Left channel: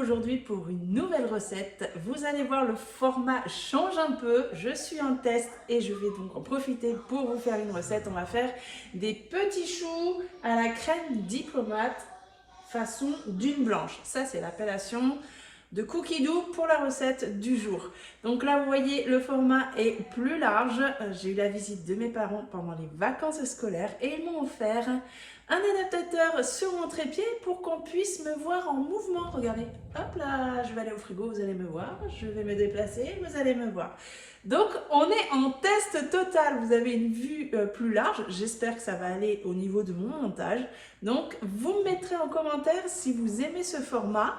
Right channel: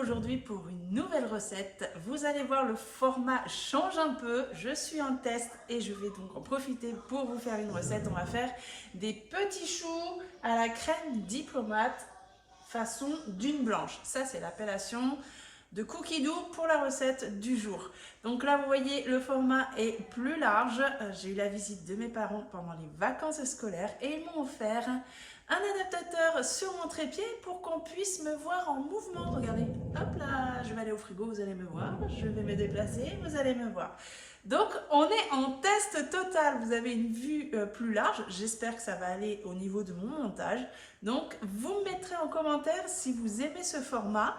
aujourd'hui pour une nouvelle recette. Vous allez voir, le format change un peu. Je suis en test et je vais donc en profiter pour vous faire une recette. On va faire des petits choux à la crème diplomate façon dune blanche. Ça, c'est l'appellation de cookie dough pour la recette du jour. Donc là, vous voyez, le format est plus large. J'ai eu la visite de mes parents pendant les vacances scolaires et ils m'ont offert un adaptateur sur mon trépied pour qu'on puisse me voir en mouvement. Regardez, hop là, je vais aller au frigo, vous allez me voir. Je vais me déplacer, vous allez me voir. Donc, on est en test total. Vous avez une vue plus large. J'espère que ça va aller au niveau de mon montage. Donc, vous me mettrez en commentaire si vous aimez ce format.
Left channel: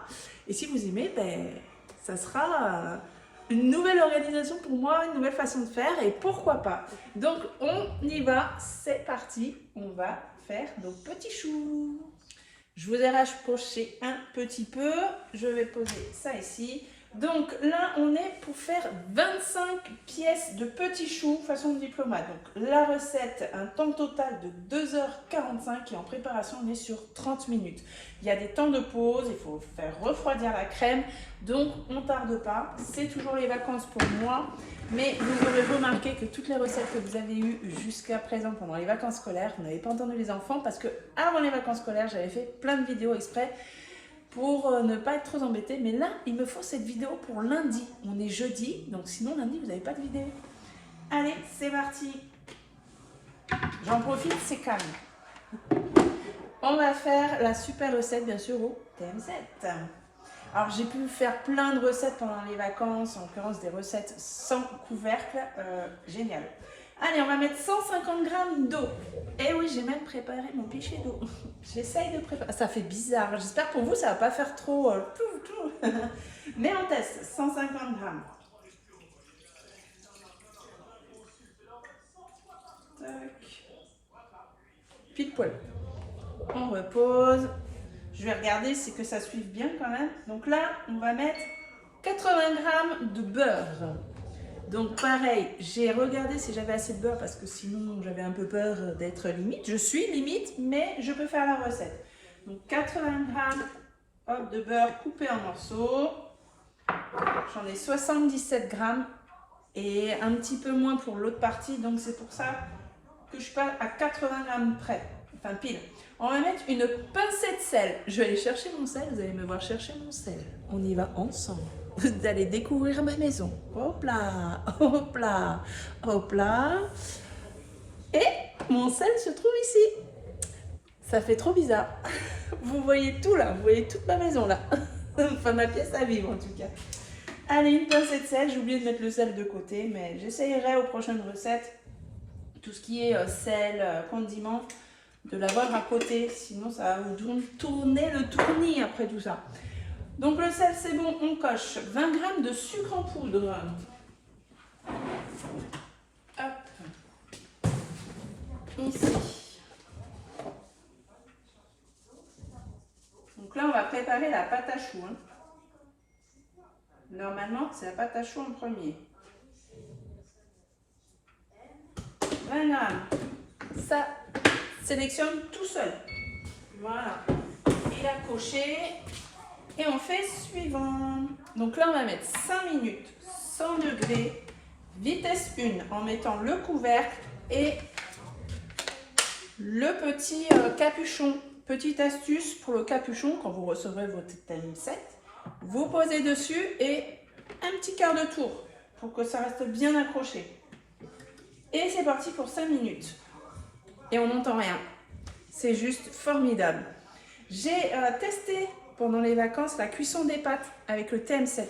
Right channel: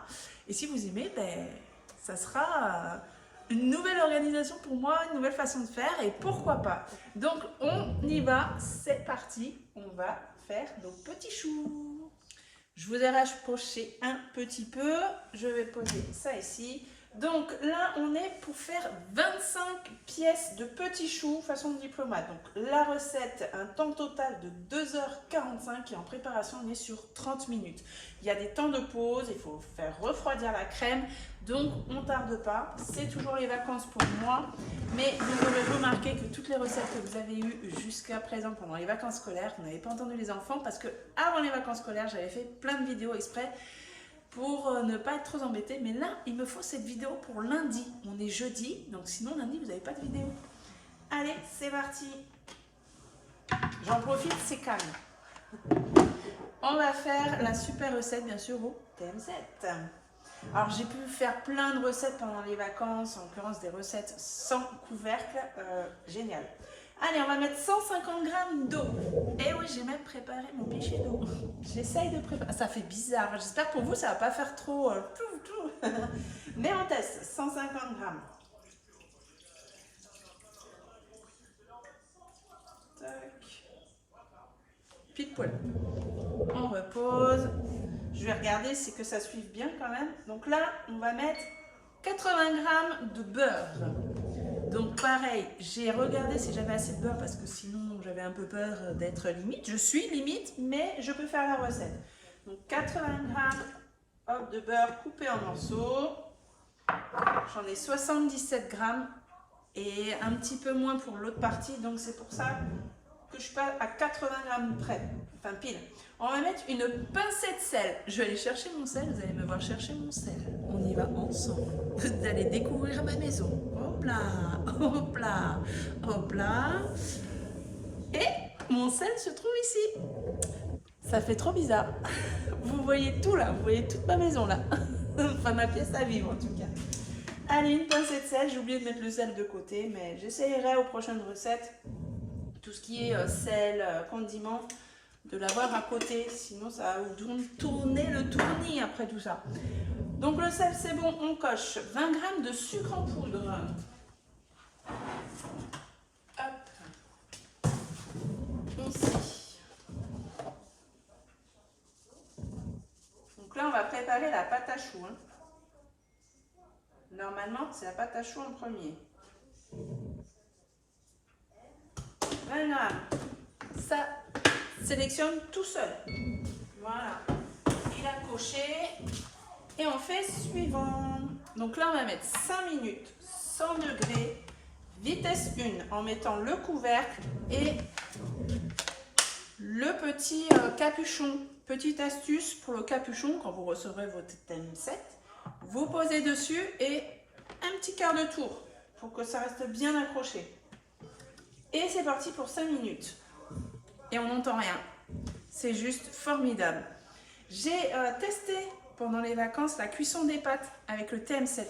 Et si vous aimez, ben, ça sera une nouvelle organisation pour moi, une nouvelle façon de faire. Et pourquoi pas. Donc, on y va. C'est parti. On va faire nos petits choux. Je vous ai rapproché un petit peu. Je vais poser ça ici. Donc là, on est pour faire 25 pièces de petits choux façon diplomate. Donc la recette, un temps total de 2h45 et en préparation, on est sur 30 minutes. Il y a des temps de pause, il faut faire refroidir la crème, donc on ne tarde pas. C'est toujours les vacances pour moi, mais vous aurez remarqué que toutes les recettes que vous avez eues jusqu'à présent pendant les vacances scolaires, vous n'avez pas entendu les enfants parce que avant les vacances scolaires, j'avais fait plein de vidéos exprès pour ne pas être trop embêté. Mais là, il me faut cette vidéo pour lundi. On est jeudi, donc sinon lundi, vous n'avez pas de vidéo. Allez, c'est parti. J'en profite, c'est calme. On va faire la super recette, bien sûr, au TM7. Alors, j'ai pu faire plein de recettes pendant les vacances, en l'occurrence des recettes sans couvercle. Génial. Allez, on va mettre 150 g d'eau. Et oui, j'ai même préparé mon pichet d'eau. J'essaye de préparer. Ça fait bizarre. J'espère pour vous, ça ne va pas faire trop. Mais on teste. 150 g. Tac. Pile poil. On repose. Je vais regarder si que ça suive bien quand même. Donc là, on va mettre 80 g de beurre. Donc pareil, j'ai regardé si j'avais assez de beurre parce que sinon j'avais un peu peur d'être limite. Je suis limite, mais je peux faire la recette. Donc 80 g de beurre coupé en morceaux. J'en ai 77 g et un petit peu moins pour l'autre partie. Donc c'est pour ça que je suis pas à 80 g près. Enfin pile. On va mettre une pincée de sel. Je vais aller chercher mon sel. Vous allez me voir chercher mon sel. On y va ensemble. Vous allez découvrir ma maison. Hop là, hop là, hop là. Et mon sel se trouve ici. Ça fait trop bizarre. Vous voyez tout là. Vous voyez toute ma maison là. Enfin ma pièce à vivre en tout cas. Allez, une pincée de sel. J'ai oublié de mettre le sel de côté. Mais j'essayerai aux prochaines recettes. Tout ce qui est sel, condiments, de l'avoir à côté, sinon ça va vous tourner le tournis après tout ça. Donc le sel c'est bon, on coche 20 g de sucre en poudre. Hop. Ici. Donc là on va préparer la pâte à choux. Normalement c'est la pâte à choux en premier. 20 g. Ça sélectionne tout seul. Voilà. Il a coché. Et on fait suivant. Donc là, on va mettre 5 minutes, 100 degrés, vitesse 1, en mettant le couvercle et le petit capuchon. Petite astuce pour le capuchon, quand vous recevrez votre TM7, vous posez dessus et un petit quart de tour pour que ça reste bien accroché. Et c'est parti pour 5 minutes. Et on n'entend rien. C'est juste formidable. J'ai testé pendant les vacances la cuisson des pâtes avec le TM7.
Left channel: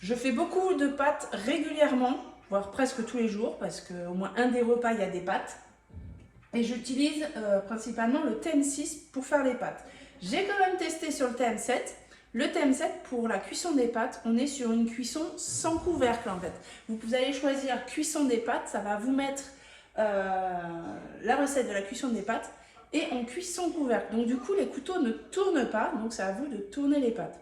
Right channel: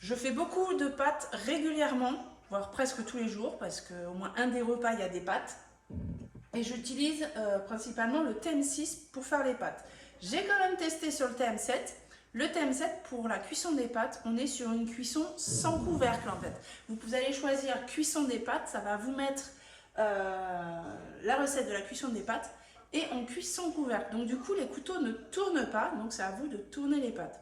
Je fais beaucoup de pâtes régulièrement, voire presque tous les jours, parce qu'au moins un des repas, il y a des pâtes. Et j'utilise principalement le TM6 pour faire les pâtes. J'ai quand même testé sur le TM7. Le TM7, pour la cuisson des pâtes, on est sur une cuisson sans couvercle en fait. Vous allez choisir cuisson des pâtes, ça va vous mettre la recette de la cuisson des pâtes et en cuisson couvercle. Donc du coup, les couteaux ne tournent pas, donc c'est à vous de tourner les pâtes.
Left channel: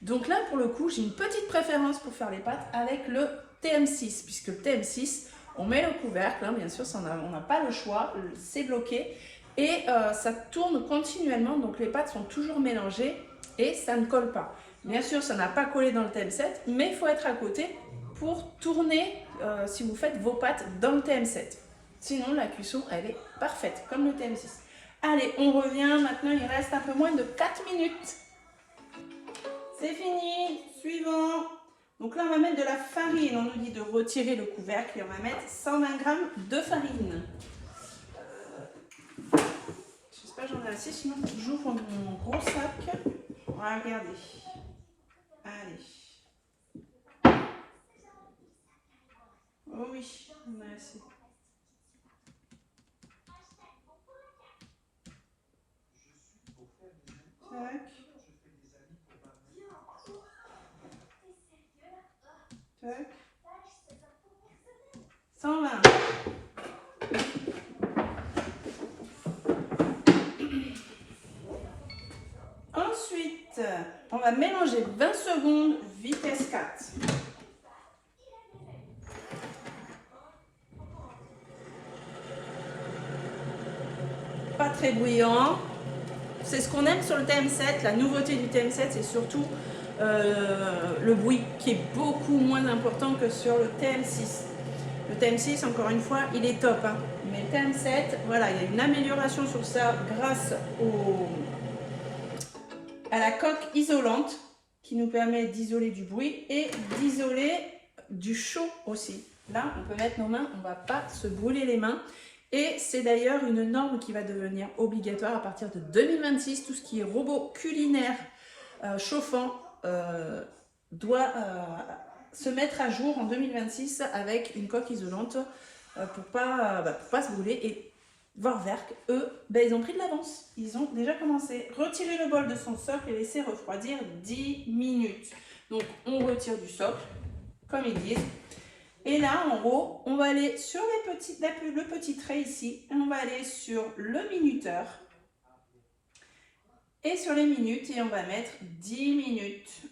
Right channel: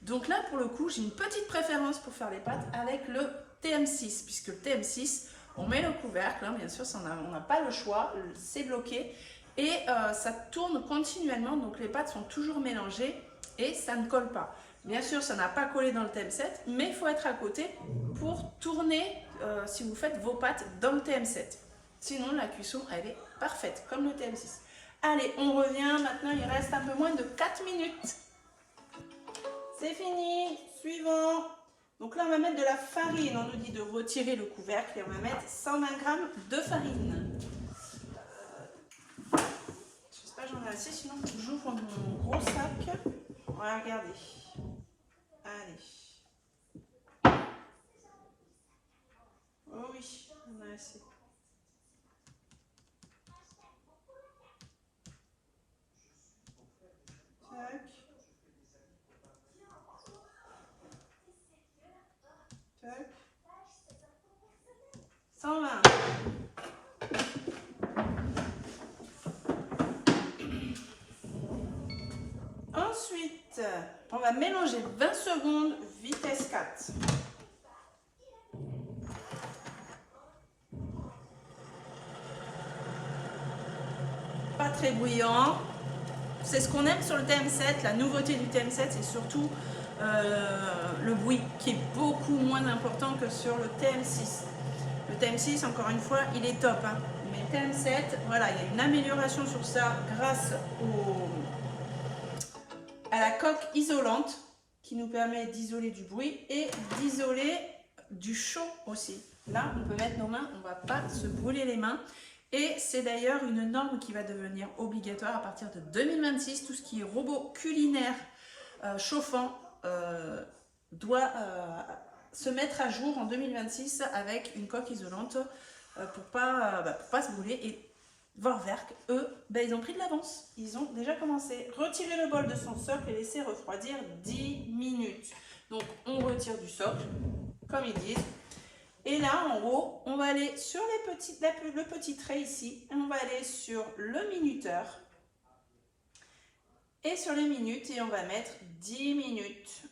Donc là, pour le coup, j'ai une petite préférence pour faire les pâtes avec le TM6, puisque le TM6, on met le couvercle, hein, bien sûr, on n'a pas le choix, c'est bloqué, et ça tourne continuellement, donc les pâtes sont toujours mélangées et ça ne colle pas. Bien sûr, ça n'a pas collé dans le TM7, mais il faut être à côté pour tourner si vous faites vos pâtes dans le TM7. Sinon, la cuisson, elle est parfaite, comme le TM6. Allez, on revient. Maintenant, il reste un peu moins de 4 minutes. C'est fini. Suivant. Donc là, on va mettre de la farine. On nous dit de retirer le couvercle et on va mettre 120 g de farine. J'espère que j'en ai assez, sinon j'ouvre mon gros sac. On va regarder. Allez. Oh oui, on a assez. Tac. Tac. 120. Ensuite, on va mélanger 20 secondes, vitesse 4. Pas très bouillant. C'est ce qu'on aime sur le TM7. La nouveauté du TM7, c'est surtout le bruit qui est beaucoup moins important que sur le TM6. Le TM6, encore une fois, il est top. Hein. Mais le TM7, voilà, il y a une amélioration sur ça grâce à la coque isolante qui nous permet d'isoler du bruit et d'isoler du chaud aussi. Là, on peut mettre nos mains, on ne va pas se brûler les mains. Et c'est d'ailleurs une norme qui va devenir obligatoire à partir de 2026. Tout ce qui est robot culinaire chauffant doit se mettre à jour en 2026 avec une coque isolante pour pas se brûler. Et Vorwerk, eux, ils ont pris de l'avance. Ils ont déjà commencé. Retirer le bol de son socle et laisser refroidir 10 minutes. Donc, on retire du socle, comme ils disent. Et là, en haut, on va aller sur le petit trait ici. Et on va aller sur le minuteur. Et sur les minutes, et on va mettre 10 minutes.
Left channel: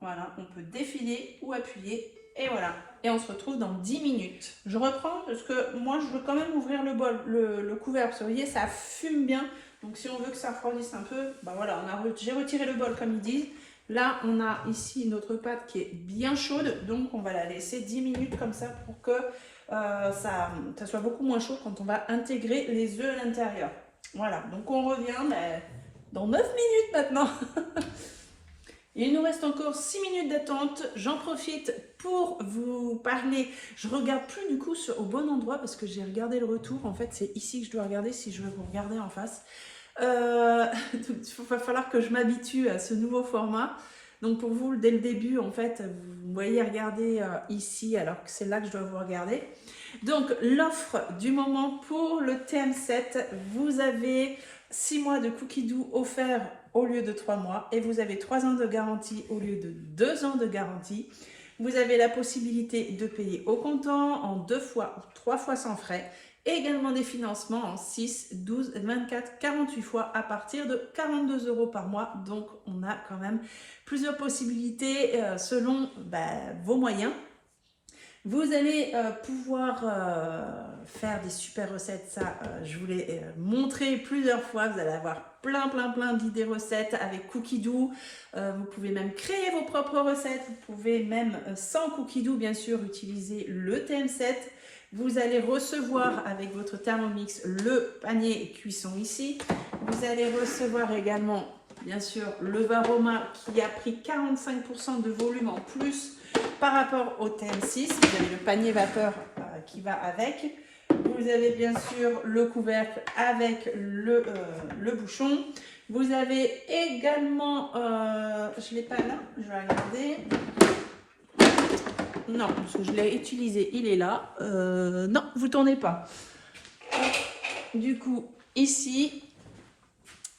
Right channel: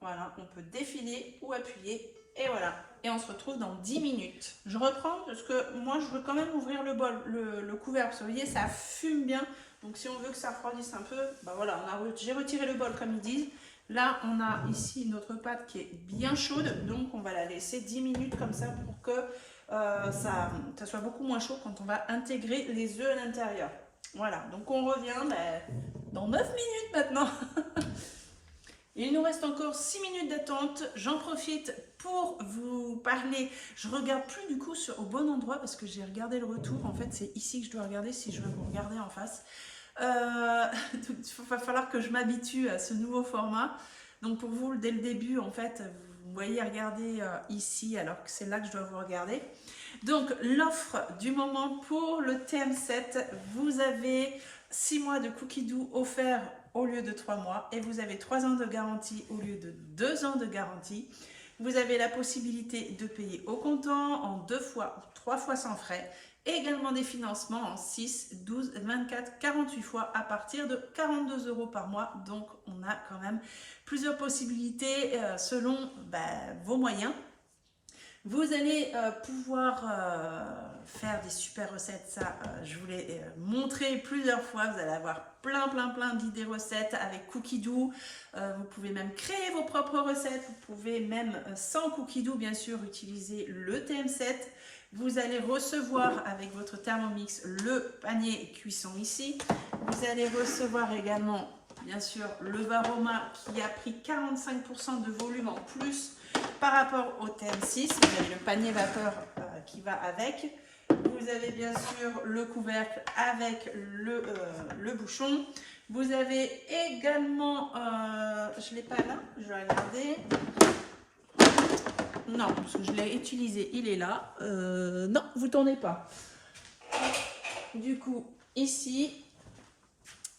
Voilà, on peut défiler ou appuyer. Et voilà. Et on se retrouve dans 10 minutes. Je reprends parce que moi, je veux quand même ouvrir le bol, le couvercle. Parce que vous voyez, ça fume bien. Donc, si on veut que ça refroidisse un peu, voilà, j'ai retiré le bol comme ils disent. Là, on a ici notre pâte qui est bien chaude. Donc, on va la laisser 10 minutes comme ça pour que ça soit beaucoup moins chaud quand on va intégrer les œufs à l'intérieur. Voilà, donc on revient dans 9 minutes maintenant. Il nous reste encore 6 minutes d'attente. J'en profite pour vous parler. Je ne regarde plus du coup au bon endroit parce que j'ai regardé le retour. En fait, c'est ici que je dois regarder si je veux vous regarder en face. Il va falloir que je m'habitue à ce nouveau format. Donc pour vous, dès le début, en fait, vous voyez regarder ici alors que c'est là que je dois vous regarder. Donc l'offre du moment pour le TM7, vous avez 6 mois de cookie doux offerts au lieu de 3 mois et vous avez 3 ans de garantie au lieu de 2 ans de garantie. Vous avez la possibilité de payer au comptant en 2 fois ou 3 fois sans frais. Et également des financements en 6, 12, 24, 48 fois à partir de 42 € par mois. Donc, on a quand même plusieurs possibilités selon vos moyens. Vous allez pouvoir faire des super recettes. Ça, je vous l'ai montré plusieurs fois. Vous allez avoir plein d'idées recettes avec cookie doux. Vous pouvez même créer vos propres recettes. Vous pouvez même, sans cookie doux, bien sûr, utiliser le TM7. Vous allez recevoir avec votre Thermomix le panier cuisson ici. Vous allez recevoir également, bien sûr, le Varoma qui a pris 45% de volume en plus par rapport au TM6. Vous avez le panier vapeur qui va avec. Vous avez bien sûr le couvercle avec le bouchon. Vous avez également, je ne l'ai pas là, je vais regarder. Non, parce que je l'ai utilisé, il est là. Non, vous ne tournez pas. Du coup, ici,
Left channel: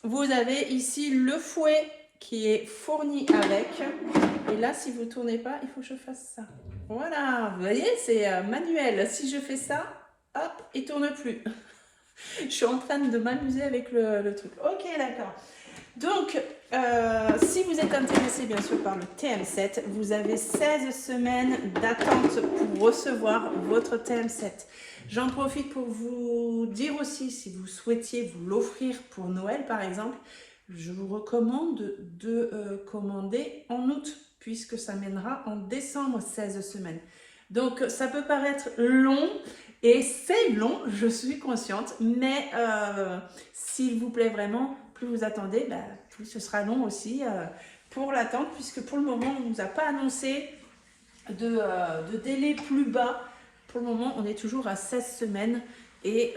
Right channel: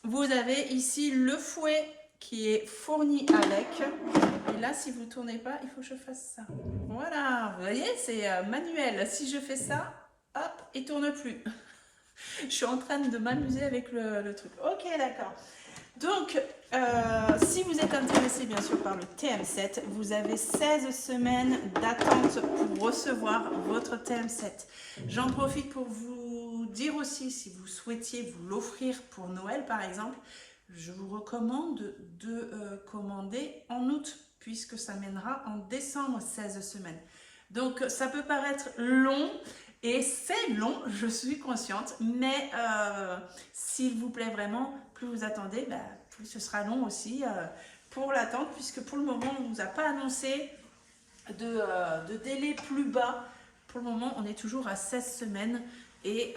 vous avez ici le fouet qui est fourni avec. Et là, si vous ne tournez pas, il faut que je fasse ça. Voilà, vous voyez, c'est manuel. Si je fais ça, hop, il ne tourne plus. Je suis en train de m'amuser avec le truc. Ok, d'accord. Donc, si vous êtes intéressé bien sûr par le TM7, vous avez 16 semaines d'attente pour recevoir votre TM7. J'en profite pour vous dire aussi, si vous souhaitiez vous l'offrir pour Noël par exemple, je vous recommande de commander en août, puisque ça mènera en décembre 16 semaines. Donc ça peut paraître long, et c'est long, je suis consciente, mais s'il vous plaît vraiment, plus vous attendez, plus ce sera long aussi pour l'attente, puisque pour le moment, on ne nous a pas annoncé de délai plus bas. Pour le moment, on est toujours à 16 semaines. Et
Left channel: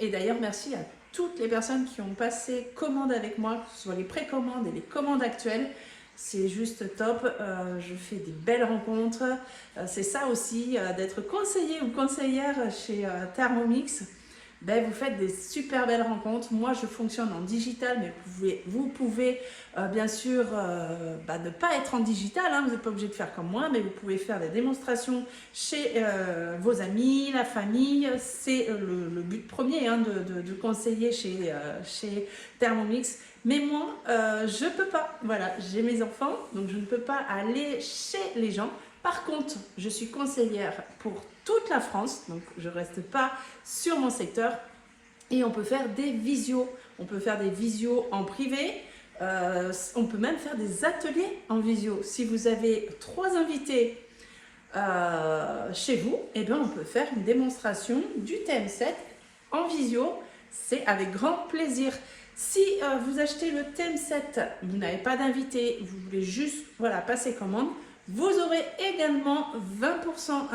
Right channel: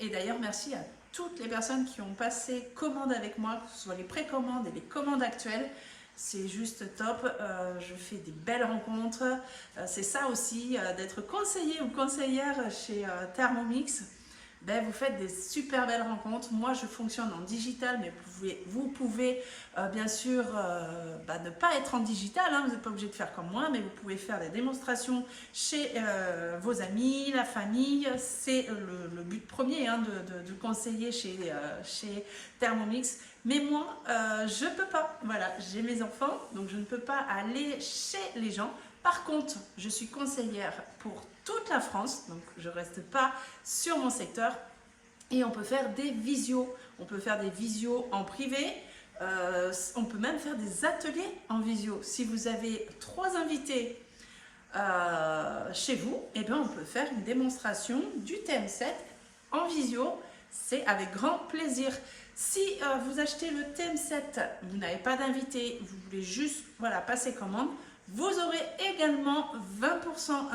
d'ailleurs, merci à toutes les personnes qui ont passé commande avec moi, que ce soit les précommandes et les commandes actuelles. C'est juste top, je fais des belles rencontres. C'est ça aussi, d'être conseiller ou conseillère chez Thermomix. Vous faites des super belles rencontres. Moi, je fonctionne en digital, mais vous pouvez bien sûr ne pas être en digital. Hein, vous n'êtes pas obligé de faire comme moi, mais vous pouvez faire des démonstrations chez vos amis, la famille. C'est le but premier hein, de conseiller chez Thermomix. Mais moi, je ne peux pas. Voilà, j'ai mes enfants, donc je ne peux pas aller chez les gens. Par contre, je suis conseillère pour toute la France, donc je ne reste pas sur mon secteur. Et on peut faire des visios. On peut faire des visios en privé. On peut même faire des ateliers en visio. Si vous avez 3 invités chez vous, eh bien, on peut faire une démonstration du TM7 en visio. C'est avec grand plaisir. Si vous achetez le TM7, vous n'avez pas d'invité, vous voulez juste passer commande, vous aurez également 20%,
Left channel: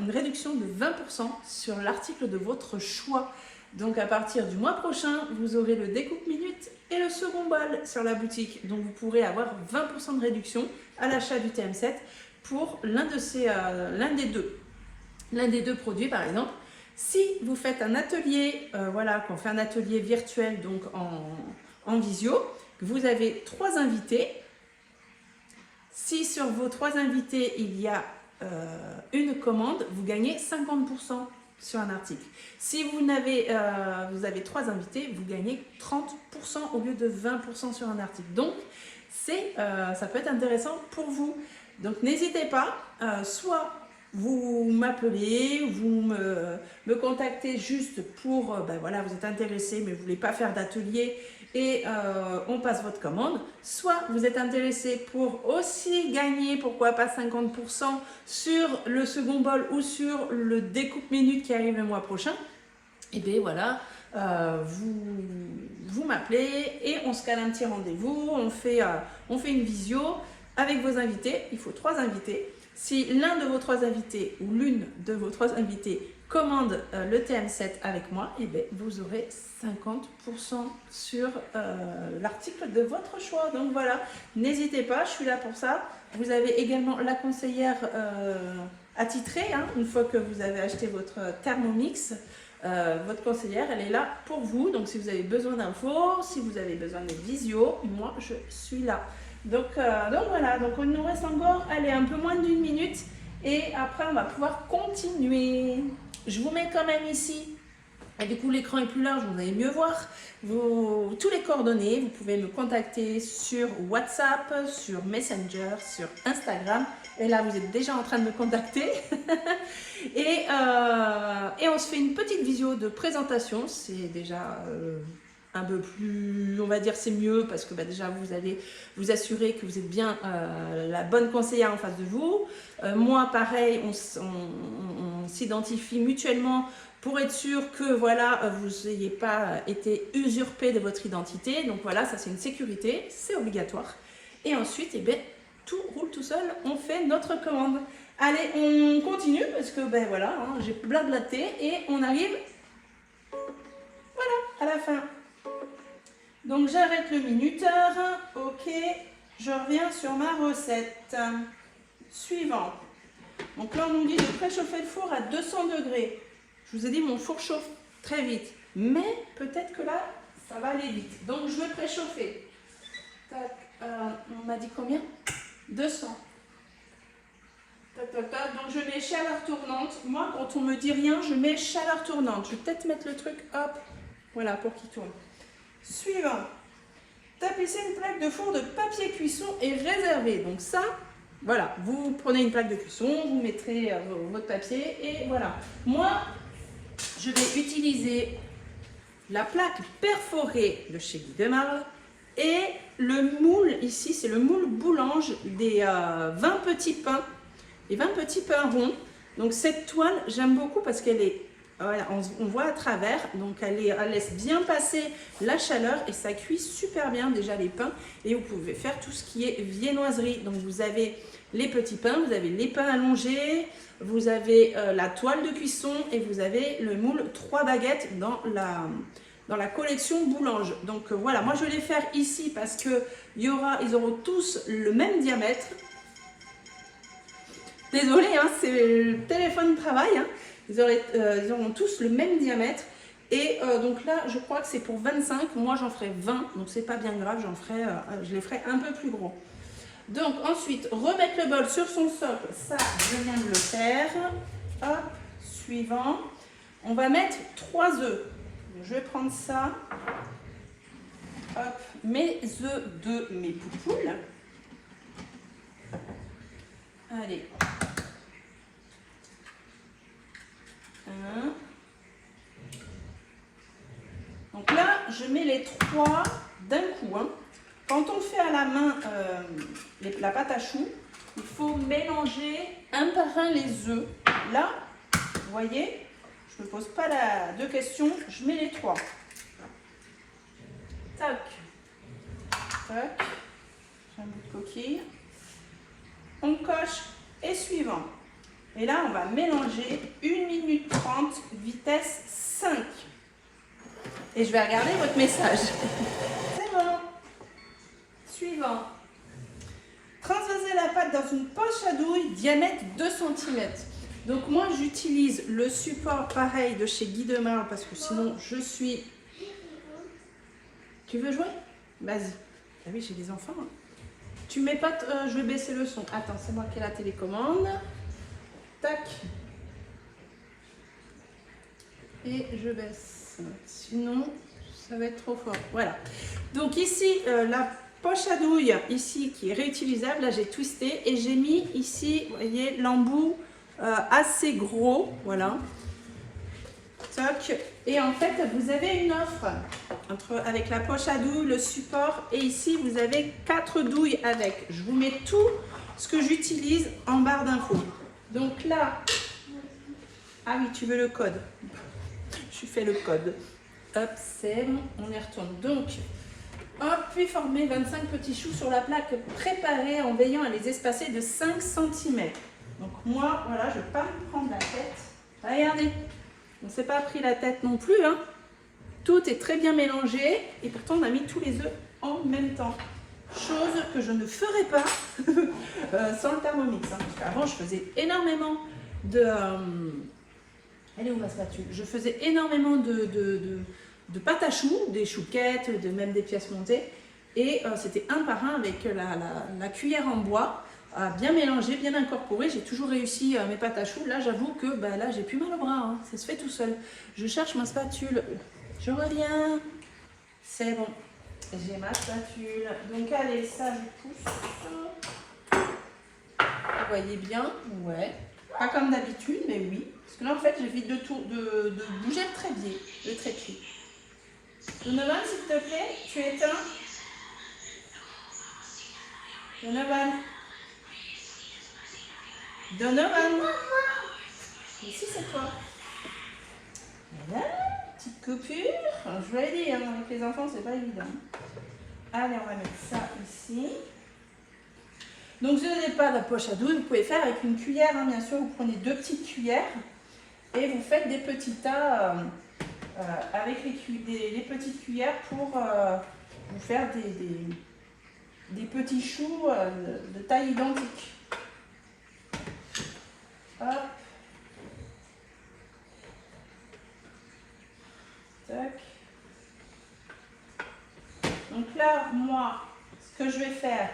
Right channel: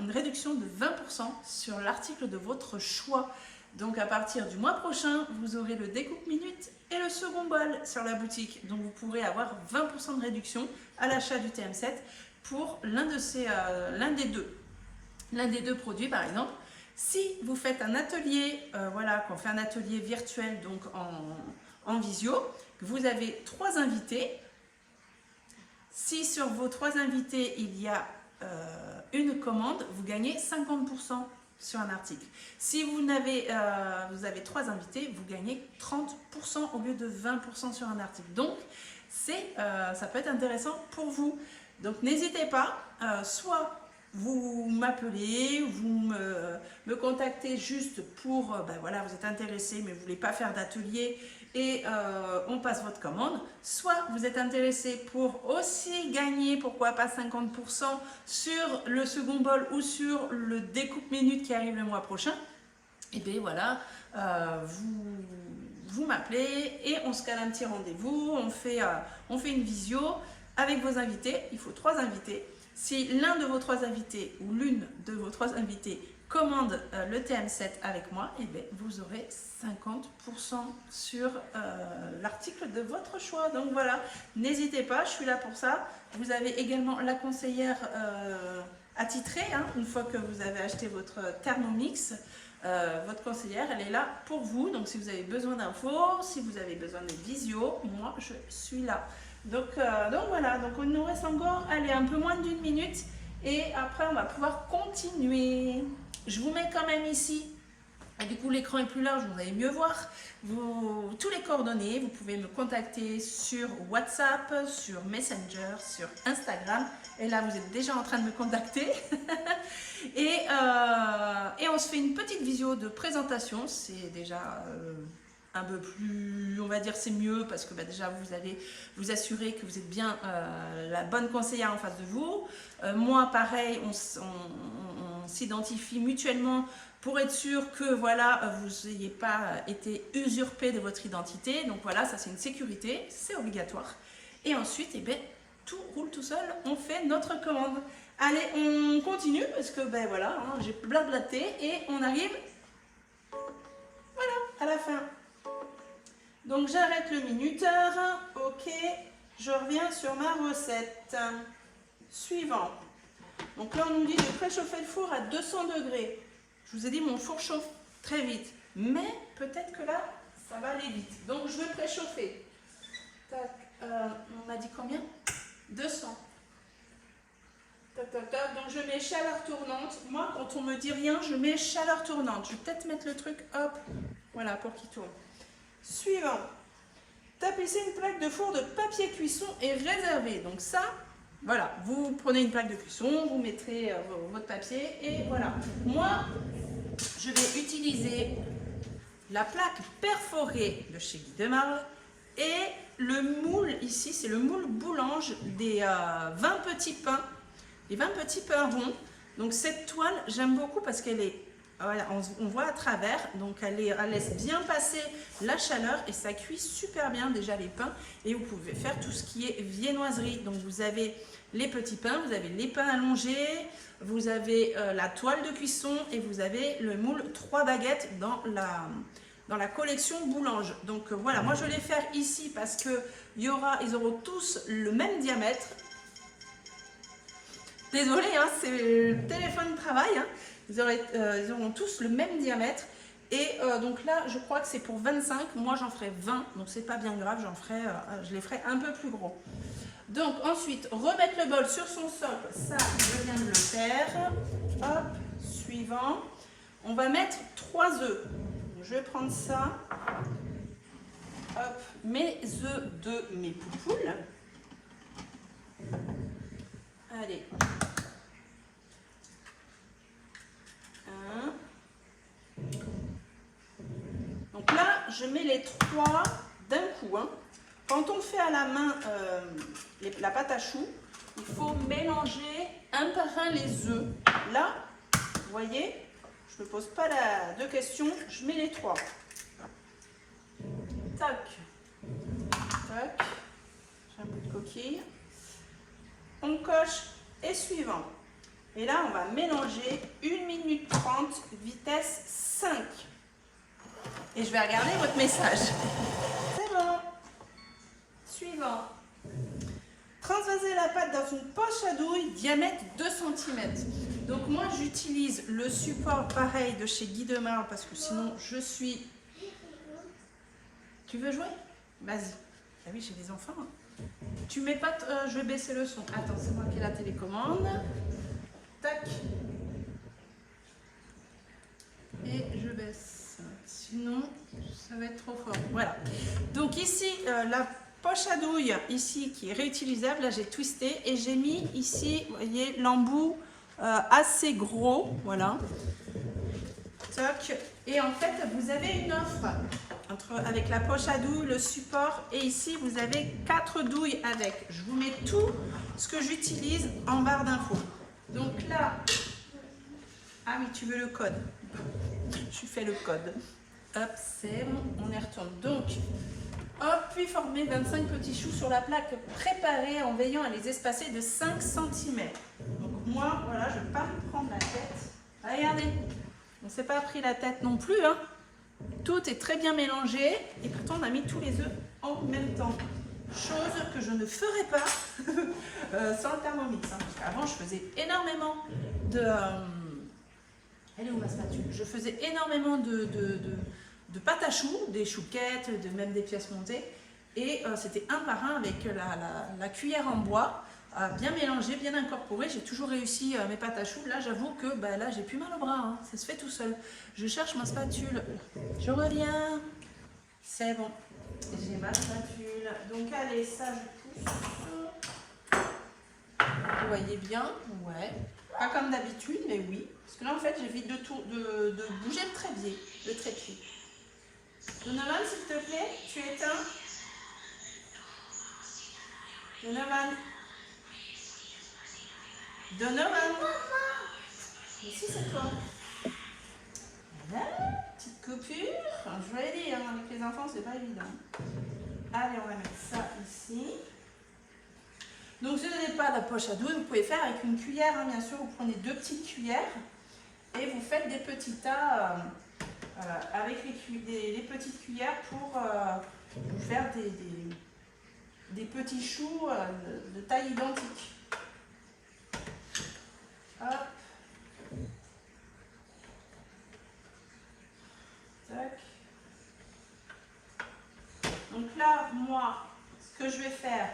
une réduction de 20% sur l'article de votre choix. Donc à partir du mois prochain, vous aurez le découpe minute et le second bol sur la boutique. Donc vous pourrez avoir 20% de réduction à l'achat du TM7 pour l'un des deux produits par exemple. Si vous faites un atelier, qu'on fait un atelier virtuel donc en visio, que vous avez 3 invités. Si sur vos 3 invités, il y a une commande, vous gagnez 50% sur un article. Si vous avez 3 invités, vous gagnez 30% au lieu de 20% sur un article. Donc, ça peut être intéressant pour vous. Donc, n'hésitez pas, soit vous m'appelez, vous me contactez juste pour, vous êtes intéressé mais vous ne voulez pas faire d'atelier et on passe votre commande. Soit vous êtes intéressé pour aussi gagner, pourquoi pas 50% sur le second bol ou sur le découpe minute qui arrive le mois prochain. Et bien voilà, vous m'appelez et on se cale un petit rendez-vous, on fait une visio avec vos invités. Il faut 3 invités. Si l'un de vos 3 invités ou l'une de vos 3 invités commande le TM7 avec moi, et bien vous aurez 50% sur l'article de votre choix. Donc voilà, n'hésitez pas, je suis là pour ça. Vous avez également la conseillère attitrée, hein, une fois que vous avez acheté votre Thermomix. Votre conseillère, elle est là pour vous. Donc si vous avez besoin d'infos, si vous avez besoin de visio, moi je suis là. Donc voilà, donc il nous reste encore, allez, un peu moins d'1 minute et après on va pouvoir continuer. Je vous mets quand même ici, et du coup l'écran est plus large, vous allez mieux voir tous les coordonnées. Vous pouvez me contacter sur WhatsApp, sur Messenger, sur Instagram. Et là vous êtes déjà en train de me contacter. et on se fait une petite visio de présentation, c'est déjà... un peu plus, on va dire c'est mieux parce que déjà vous allez vous assurer que vous êtes bien la bonne conseillère en face de vous. Moi pareil, on s'identifie mutuellement pour être sûr que voilà, vous n'ayez pas été usurpé de votre identité. Donc voilà, ça c'est une sécurité, c'est obligatoire. Et ensuite, tout roule tout seul, on fait notre commande. Allez, on continue parce que voilà, hein, j'ai blablaté et on arrive à la fin. Donc j'arrête le minuteur, ok, je reviens sur ma recette. Suivant. Donc là on nous dit de préchauffer le four à 200 degrés. Je vous ai dit mon four chauffe très vite, mais peut-être que là ça va aller vite. Donc je vais préchauffer. Tac, on m'a dit combien? 200. Tac, tac, tac. Donc je mets chaleur tournante. Moi quand on me dit rien, je mets chaleur tournante. Je vais peut-être mettre le truc, hop, voilà, pour qu'il tourne. Suivant, tapissez une plaque de four de papier cuisson et réservé. Donc ça, voilà, vous prenez une plaque de cuisson, vous mettrez votre papier et voilà. Moi, je vais utiliser la plaque perforée de chez Guy Demarle et le moule ici, c'est le moule Boulange des 20 petits pains, les 20 petits pains ronds. Donc cette toile, j'aime beaucoup parce qu'elle est, voilà, on voit à travers, donc elle laisse bien passer la chaleur et ça cuit super bien déjà les pains. Et vous pouvez faire tout ce qui est viennoiserie. Donc vous avez les petits pains, vous avez les pains allongés, vous avez la toile de cuisson et vous avez le moule 3 baguettes dans la collection Boulange. Donc voilà, moi je vais les faire ici parce que ils auront tous le même diamètre. Désolée, hein, c'est le téléphone de travail. Hein. Ils auront tous le même diamètre. Et donc là, je crois que c'est pour 25. Moi, j'en ferai 20. Donc, c'est pas bien grave. Je les ferai un peu plus gros. Donc, ensuite, remettre le bol sur son socle. Ça, je viens de le faire. Hop, suivant. On va mettre 3 œufs. Je vais prendre ça. Hop, mes œufs de mes poupoules. Allez. 1. Donc là, je mets les 3 d'un coup. Hein. Quand on fait à la main la pâte à choux, il faut mélanger un par un les œufs. Là, vous voyez, je ne me pose pas de questions, je mets les 3. Tac, tac, j'ai un bout de coquille. On coche et suivant. Et là, on va mélanger 1 minute 30, vitesse 5. Et je vais regarder votre message. C'est bon. Suivant. Transvaser la pâte dans une poche à douille, diamètre 2 cm. Donc moi, j'utilise le support pareil de chez Guy Demarle parce que sinon, je suis... Tu veux jouer? Vas-y. Ah oui, j'ai des enfants. Hein. Tu mets pas... je vais baisser le son. Attends, c'est moi qui ai la télécommande. Tac. Et je baisse. Sinon, ça va être trop fort. Voilà. Donc ici, la poche à douille, ici, qui est réutilisable. Là, j'ai twisté et j'ai mis ici, vous voyez, l'embout assez gros. Voilà. Tac. Et en fait, vous avez une offre avec la poche à douille, le support. Et ici, vous avez 4 douilles avec. Je vous mets tout ce que j'utilise en barre d'infos. Donc là, ah oui, tu veux le code. Je fais le code. Hop, c'est bon, on y retourne. Donc, hop, puis former 25 petits choux sur la plaque préparée en veillant à les espacer de 5 cm. Donc moi, voilà, je ne vais pas me prendre la tête. Regardez, on ne s'est pas pris la tête non plus. Hein. Tout est très bien mélangé et pourtant on a mis tous les œufs en même temps. Chose que je ne ferai pas sans le Thermomix. Hein, parce qu'avant, je faisais énormément de... elle est où ma spatule? Je faisais énormément de pâte à choux, des chouquettes, même des pièces montées. Et c'était un par un avec la cuillère en bois, bien mélangé, bien incorporé. J'ai toujours réussi mes pâtes à choux. Là, j'avoue que là, j'ai plus mal au bras. Hein, ça se fait tout seul. Je cherche ma spatule. Je reviens. C'est bon. J'ai ma spatule. Donc allez, ça je pousse. Vous voyez bien? Ouais. Pas comme d'habitude, mais oui. Parce que là en fait j'évite de bouger le trépied. Donovan, s'il te plaît, tu éteins. Donovan. Donovan. Ici c'est toi. Voilà. Petite coupure. Je vous l'ai dit, hein, avec les enfants, c'est pas évident. Allez, on va mettre ça ici. Donc, si vous n'avez pas la poche à douille, vous pouvez faire avec une cuillère, hein, bien sûr. Vous prenez 2 petites cuillères et vous faites des petits tas avec les petites cuillères pour vous faire des petits choux de taille identique. Hop. Tac. Donc là, moi, ce que je vais faire,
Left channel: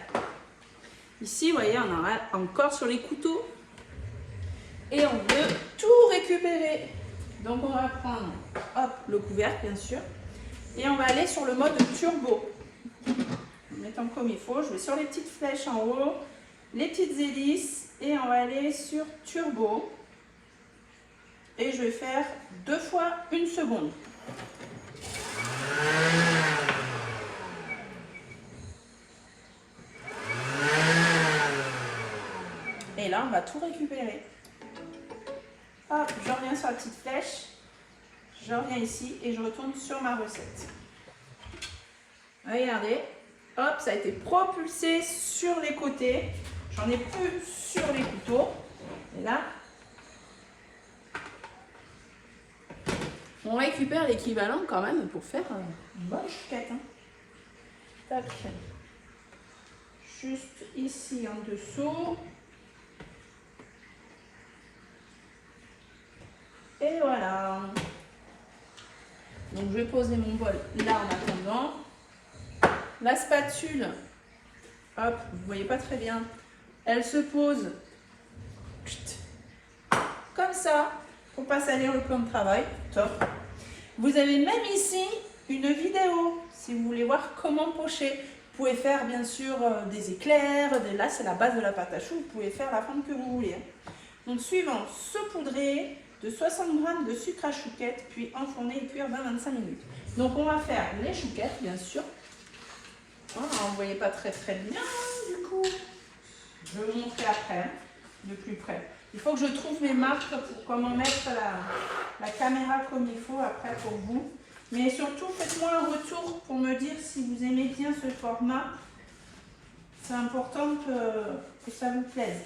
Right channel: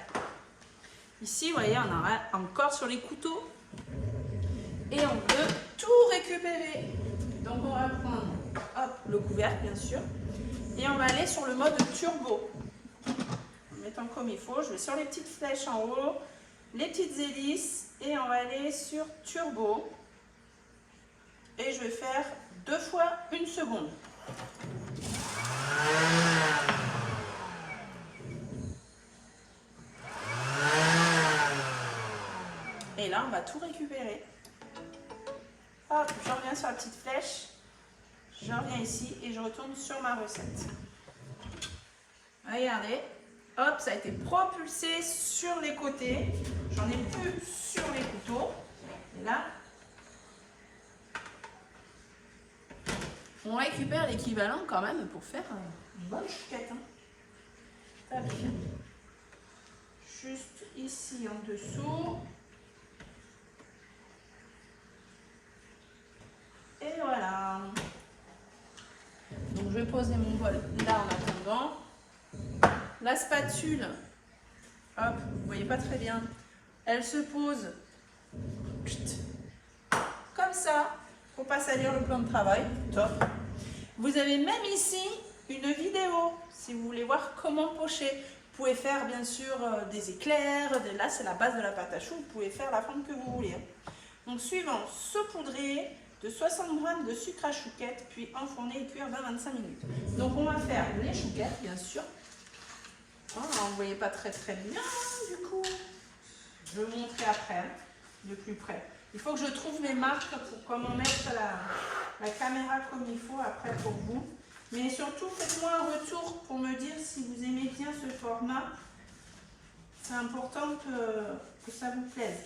ici, vous voyez, on a encore sur les couteaux et on veut tout récupérer. Donc on va prendre, hop, le couvercle bien sûr, et on va aller sur le mode turbo. En mettant comme il faut, je vais sur les petites flèches en haut, les petites hélices, et on va aller sur turbo. Et je vais faire 2 fois 1 seconde. Et là, on va tout récupérer. Hop, je reviens sur la petite flèche. Je reviens ici et je retourne sur ma recette. Regardez, hop, ça a été propulsé sur les côtés. J'en ai plus sur les couteaux. Et là, on récupère l'équivalent quand même pour faire une bonne chouquette. Hein. Tac. Juste ici en dessous. Et voilà. Donc je vais poser mon bol là en attendant. La spatule, hop, vous voyez pas très bien, elle se pose comme ça pour pas salir le plan de travail. Top. Vous avez même ici une vidéo si vous voulez voir comment pocher. Vous pouvez faire bien sûr des éclairs, là c'est la base de la pâte à choux, vous pouvez faire la forme que vous voulez. Donc suivant, saupoudrer de 60 g de sucre à chouquette, puis enfourner et cuire 20-25 minutes. Donc on va faire les chouquettes bien sûr. Oh, on ne voyait pas très bien du coup. Je vais vous montrer après, hein, de plus près. Il faut que je trouve mes marques pour comment mettre la caméra comme il faut après pour vous. Mais surtout, faites-moi un retour pour me dire si vous aimez bien ce format. C'est important que ça vous plaise.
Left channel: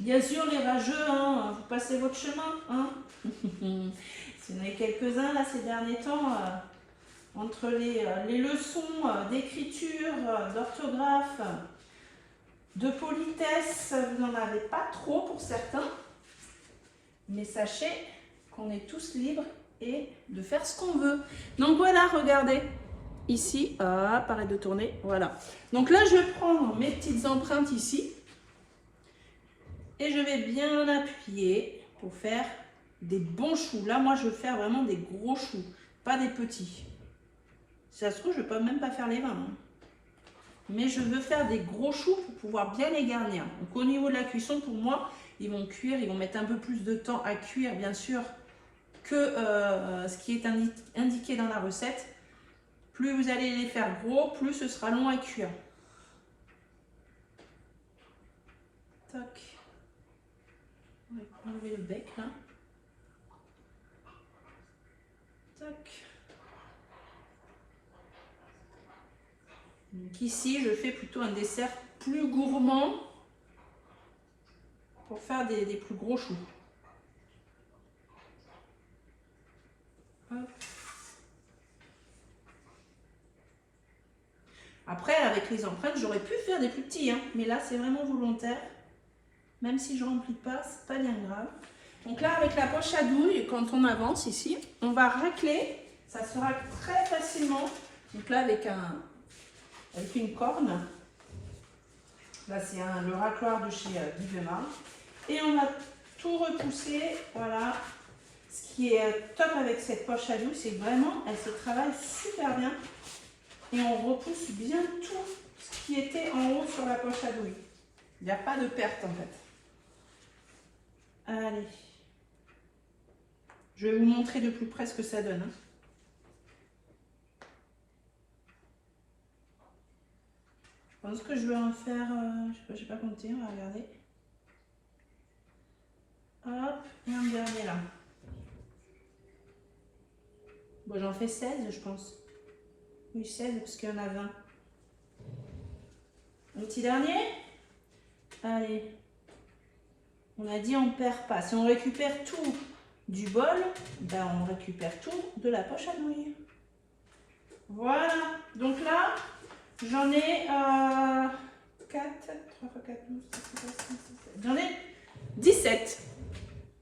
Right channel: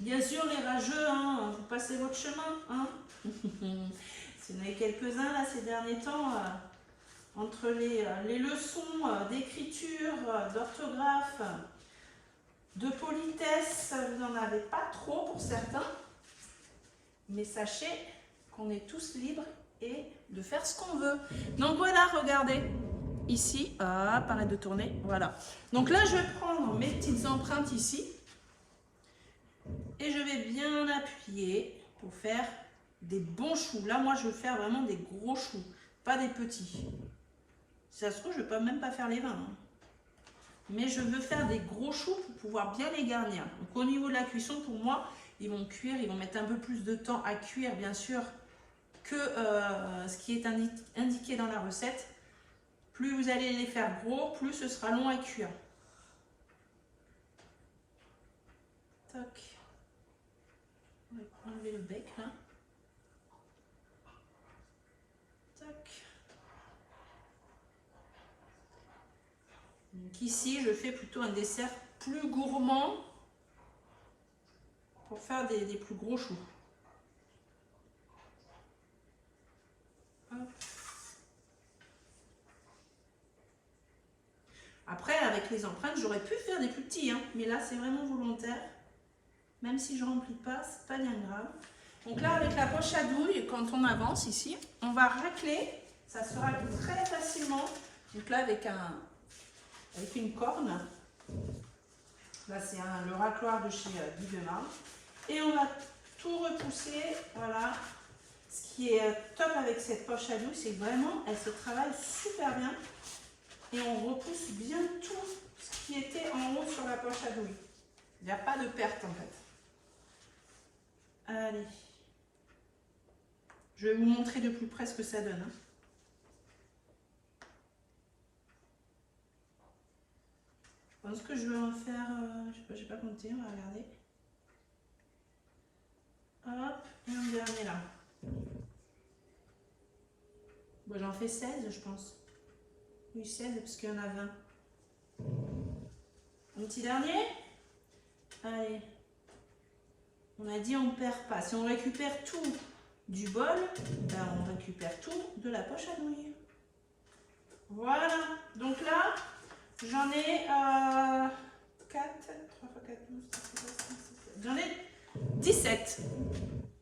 Bien sûr, les rageux, hein, vous passez votre chemin. Hein. Si vous en avez quelques-uns là ces derniers temps, entre les leçons d'écriture, d'orthographe, de politesse, vous n'en avez pas trop pour certains. Mais sachez qu'on est tous libres et de faire ce qu'on veut. Donc voilà, regardez. Ici, arrête de tourner, voilà. Donc là, je vais prendre mes petites empreintes ici. Et je vais bien appuyer pour faire des bons choux. Là, moi, je veux faire vraiment des gros choux, pas des petits. Si ça se trouve, je ne vais même pas faire les 20. Hein. Mais je veux faire des gros choux pour pouvoir bien les garnir. Donc au niveau de la cuisson, pour moi, ils vont cuire, ils vont mettre un peu plus de temps à cuire, bien sûr, que ce qui est indiqué dans la recette. Plus vous allez les faire gros, plus ce sera long à cuire. Tac. On va enlever le bec là. Tac. Donc ici, je fais plutôt un dessert plus gourmand pour faire des plus gros choux. Hop. Après, avec les empreintes, j'aurais pu faire des plus petits, hein, mais là, c'est vraiment volontaire. Même si je ne remplis pas, c'est pas bien grave. Donc là, avec la poche à douille, quand on avance ici, on va racler. Ça se racle très facilement. Donc là, avec une corne. Là, c'est le racloir de chez Guy Demar. Et on va tout repousser. Voilà. Ce qui est top avec cette poche à douille, c'est que vraiment, elle se travaille super bien. Et on repousse bien tout ce qui était en haut sur la poche à douille. Il n'y a pas de perte en fait. Allez. Je vais vous montrer de plus près ce que ça donne. Hein. Je pense que je vais en faire, je n'ai pas compté, on va regarder. Hop, et un dernier là. Bon, j'en fais 16, je pense. Oui, 16 parce qu'il y en a 20. Un petit dernier. Allez. On a dit on ne perd pas. Si on récupère tout du bol, ben on récupère tout de la poche à douille. Voilà. Donc là, j'en ai 4, 3 x 4, 12, 13, 14, 15, 16. J'en ai 17.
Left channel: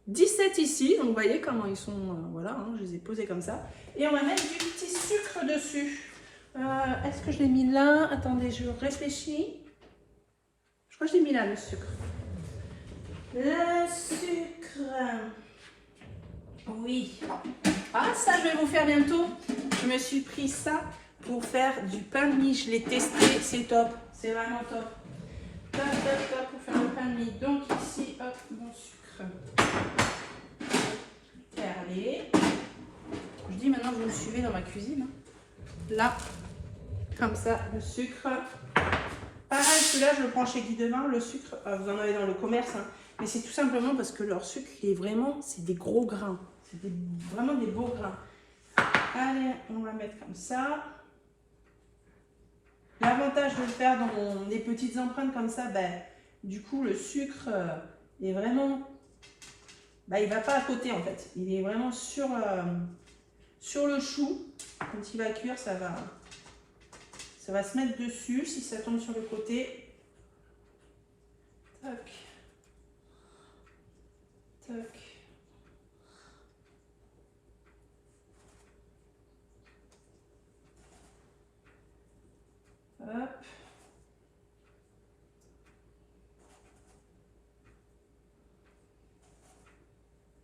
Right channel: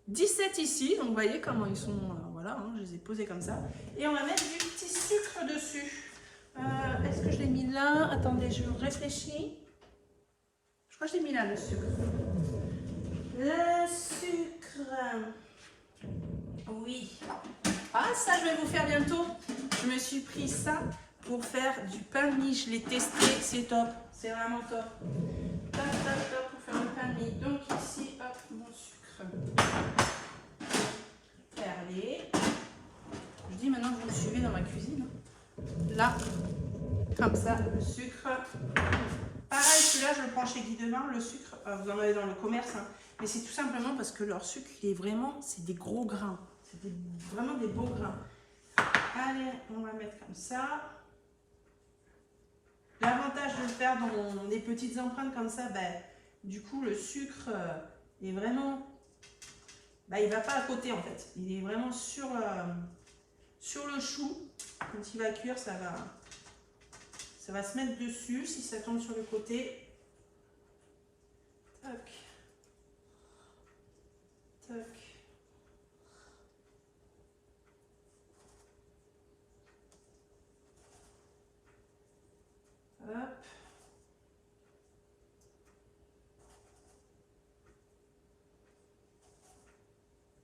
17 ici. Donc vous voyez comment ils sont. Voilà, hein, je les ai posés comme ça. Et on va mettre du petit sucre dessus. Est-ce que je l'ai mis là? Attendez, je réfléchis. Je crois que je l'ai mis là, le sucre. Le sucre. Oui. Ah, ça, je vais vous faire bientôt. Je me suis pris ça pour faire du pain de mie. Je l'ai testé. C'est top. C'est vraiment top. Top, top, top pour faire le pain de mie. Donc ici, hop, mon sucre. Perlé. Je dis maintenant. vous suivez dans ma cuisine. Là, comme ça, le sucre. Pareil, celui-là, je le prends chez Guy Demar, le sucre, vous en avez dans le commerce, hein, mais c'est tout simplement parce que leur sucre, il est vraiment, c'est des gros grains. C'est vraiment des beaux grains. Allez, on va mettre comme ça. L'avantage de le faire dans des petites empreintes comme ça, ben, du coup, le sucre est vraiment... Ben, il ne va pas à côté, en fait. Il est vraiment sur le chou. Quand il va cuire, ça va se mettre dessus. Si ça tombe sur le côté... Tac. Tac. Hop.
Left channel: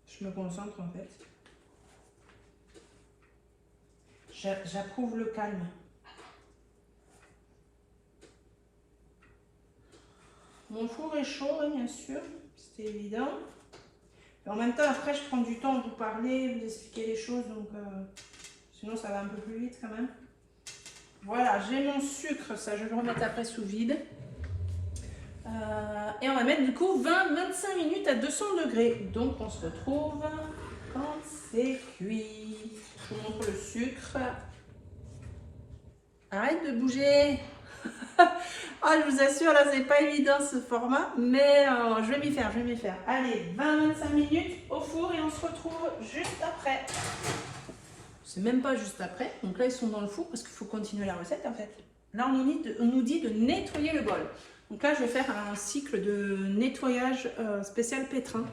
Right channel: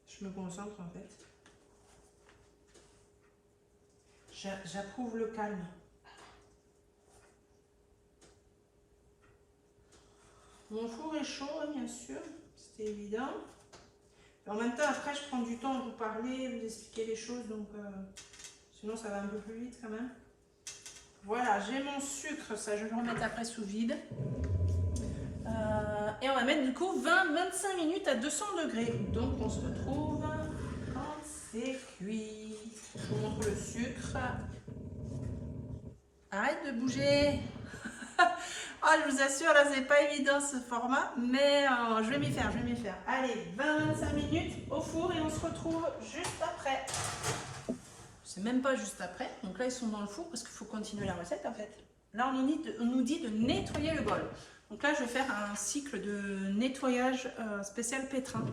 Je me concentre en fait. J'approuve le calme. Mon four est chaud, oui, bien sûr, c'est évident. Et en même temps, après, je prends du temps à vous parler, vous expliquer les choses, donc sinon ça va un peu plus vite quand même. Voilà, j'ai mon sucre, ça je vais le remettre après sous vide. Et on va mettre du coup 20-25 minutes à 200 degrés. Donc on se retrouve quand c'est cuit. Je vous montre le sucre. Arrête de bouger. Ah, je vous assure, là c'est pas évident ce format, mais je vais m'y faire, Allez, 20-25 minutes au four et on se retrouve juste après. C'est même pas juste après, donc là ils sont dans le four parce qu'il faut continuer la recette en fait. Là on nous dit de nettoyer le bol. Donc là je vais faire un cycle de nettoyage spécial pétrin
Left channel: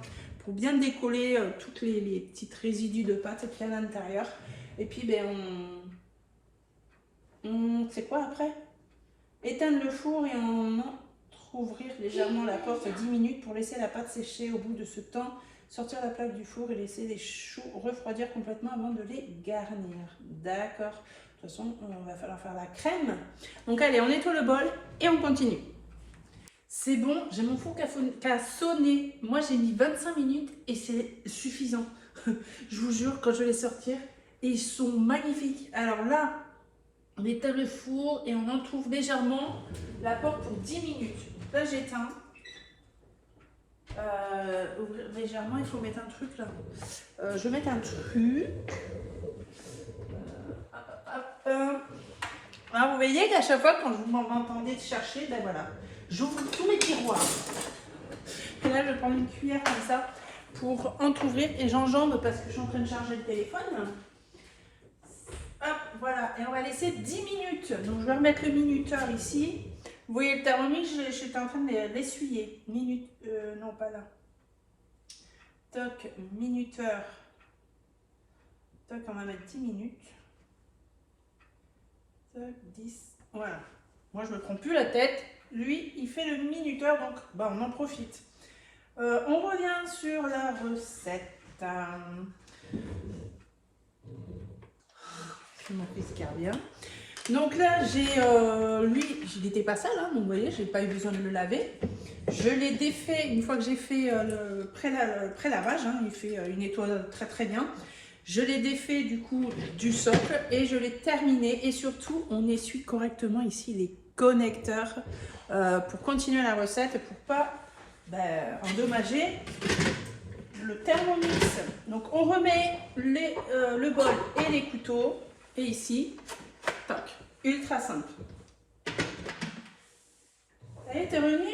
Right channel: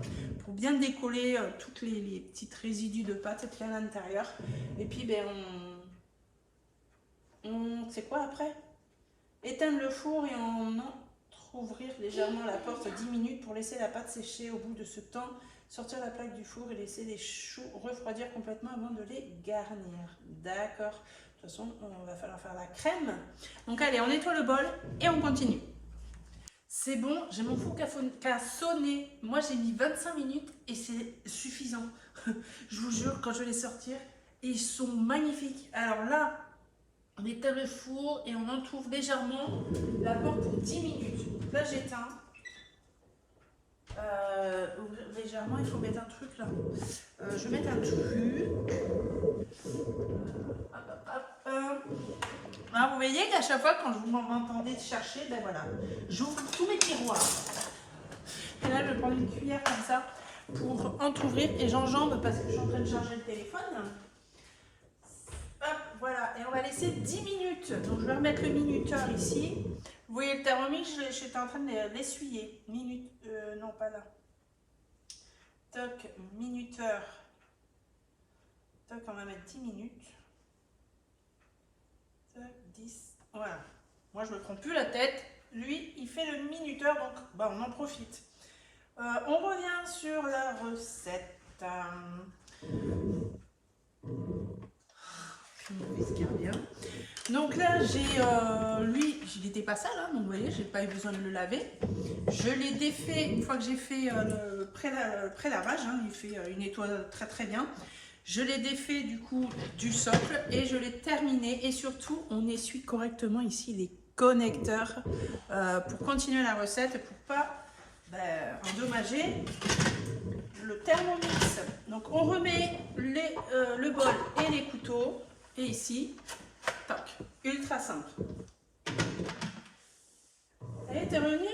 pour bien décoller toutes les petites résidus de pâte qu'il y a à l'intérieur. Et puis ben c'est quoi après? Éteindre le four et on ouvrir légèrement la porte 10 minutes pour laisser la pâte sécher. Au bout de ce temps, sortir la plaque du four et laisser les choux refroidir complètement avant de les garnir. D'accord. De toute façon, on va falloir faire la crème. Donc allez, on nettoie le bol et on continue. C'est bon, j'ai mon four qui a sonné. Moi, j'ai mis 25 minutes et c'est suffisant. Je vous jure, quand je vais les sortir, et ils sont magnifiques. Alors là, on éteint le four et on entrouvre légèrement la porte pour 10 minutes. Là, j'éteins. Ouvrir légèrement, il faut mettre un truc là. Je vais mettre un truc. Alors, vous voyez qu'à chaque fois, quand vous m'entendez chercher, ben voilà, j'ouvre tous mes tiroirs. Et là, je vais prendre une cuillère comme ça pour entrouvrir et j'enjambe parce que je suis en train de charger le téléphone. Hop, voilà, et on va laisser 10 minutes. Donc je vais remettre le minuteur ici. Vous voyez le thermomètre, j'étais en train de l'essuyer. Non pas là. Toc, minuteur. Toc, on va mettre 10 minutes. Toc, 10. Voilà. Moi je ne me prends plus la tête. Lui, il fait le minuteur, donc bah, on en profite. On revient sur la recette. Je m'en fais bien. Donc là, j'ai lui, il n'était pas sale, hein, donc vous voyez, j'ai pas eu besoin de le laver. Je l'ai défait une fois que j'ai fait le pré-lavage, hein, il fait une nettoie très très bien. Je l'ai défait du coup du socle et je l'ai terminé. Et surtout, on essuie correctement ici les connecteurs pour continuer la recette, pour pas endommager le Thermomix. Donc on remet le bol et les couteaux. Et ici, toc, ultra simple. Ça y est, t'es revenu?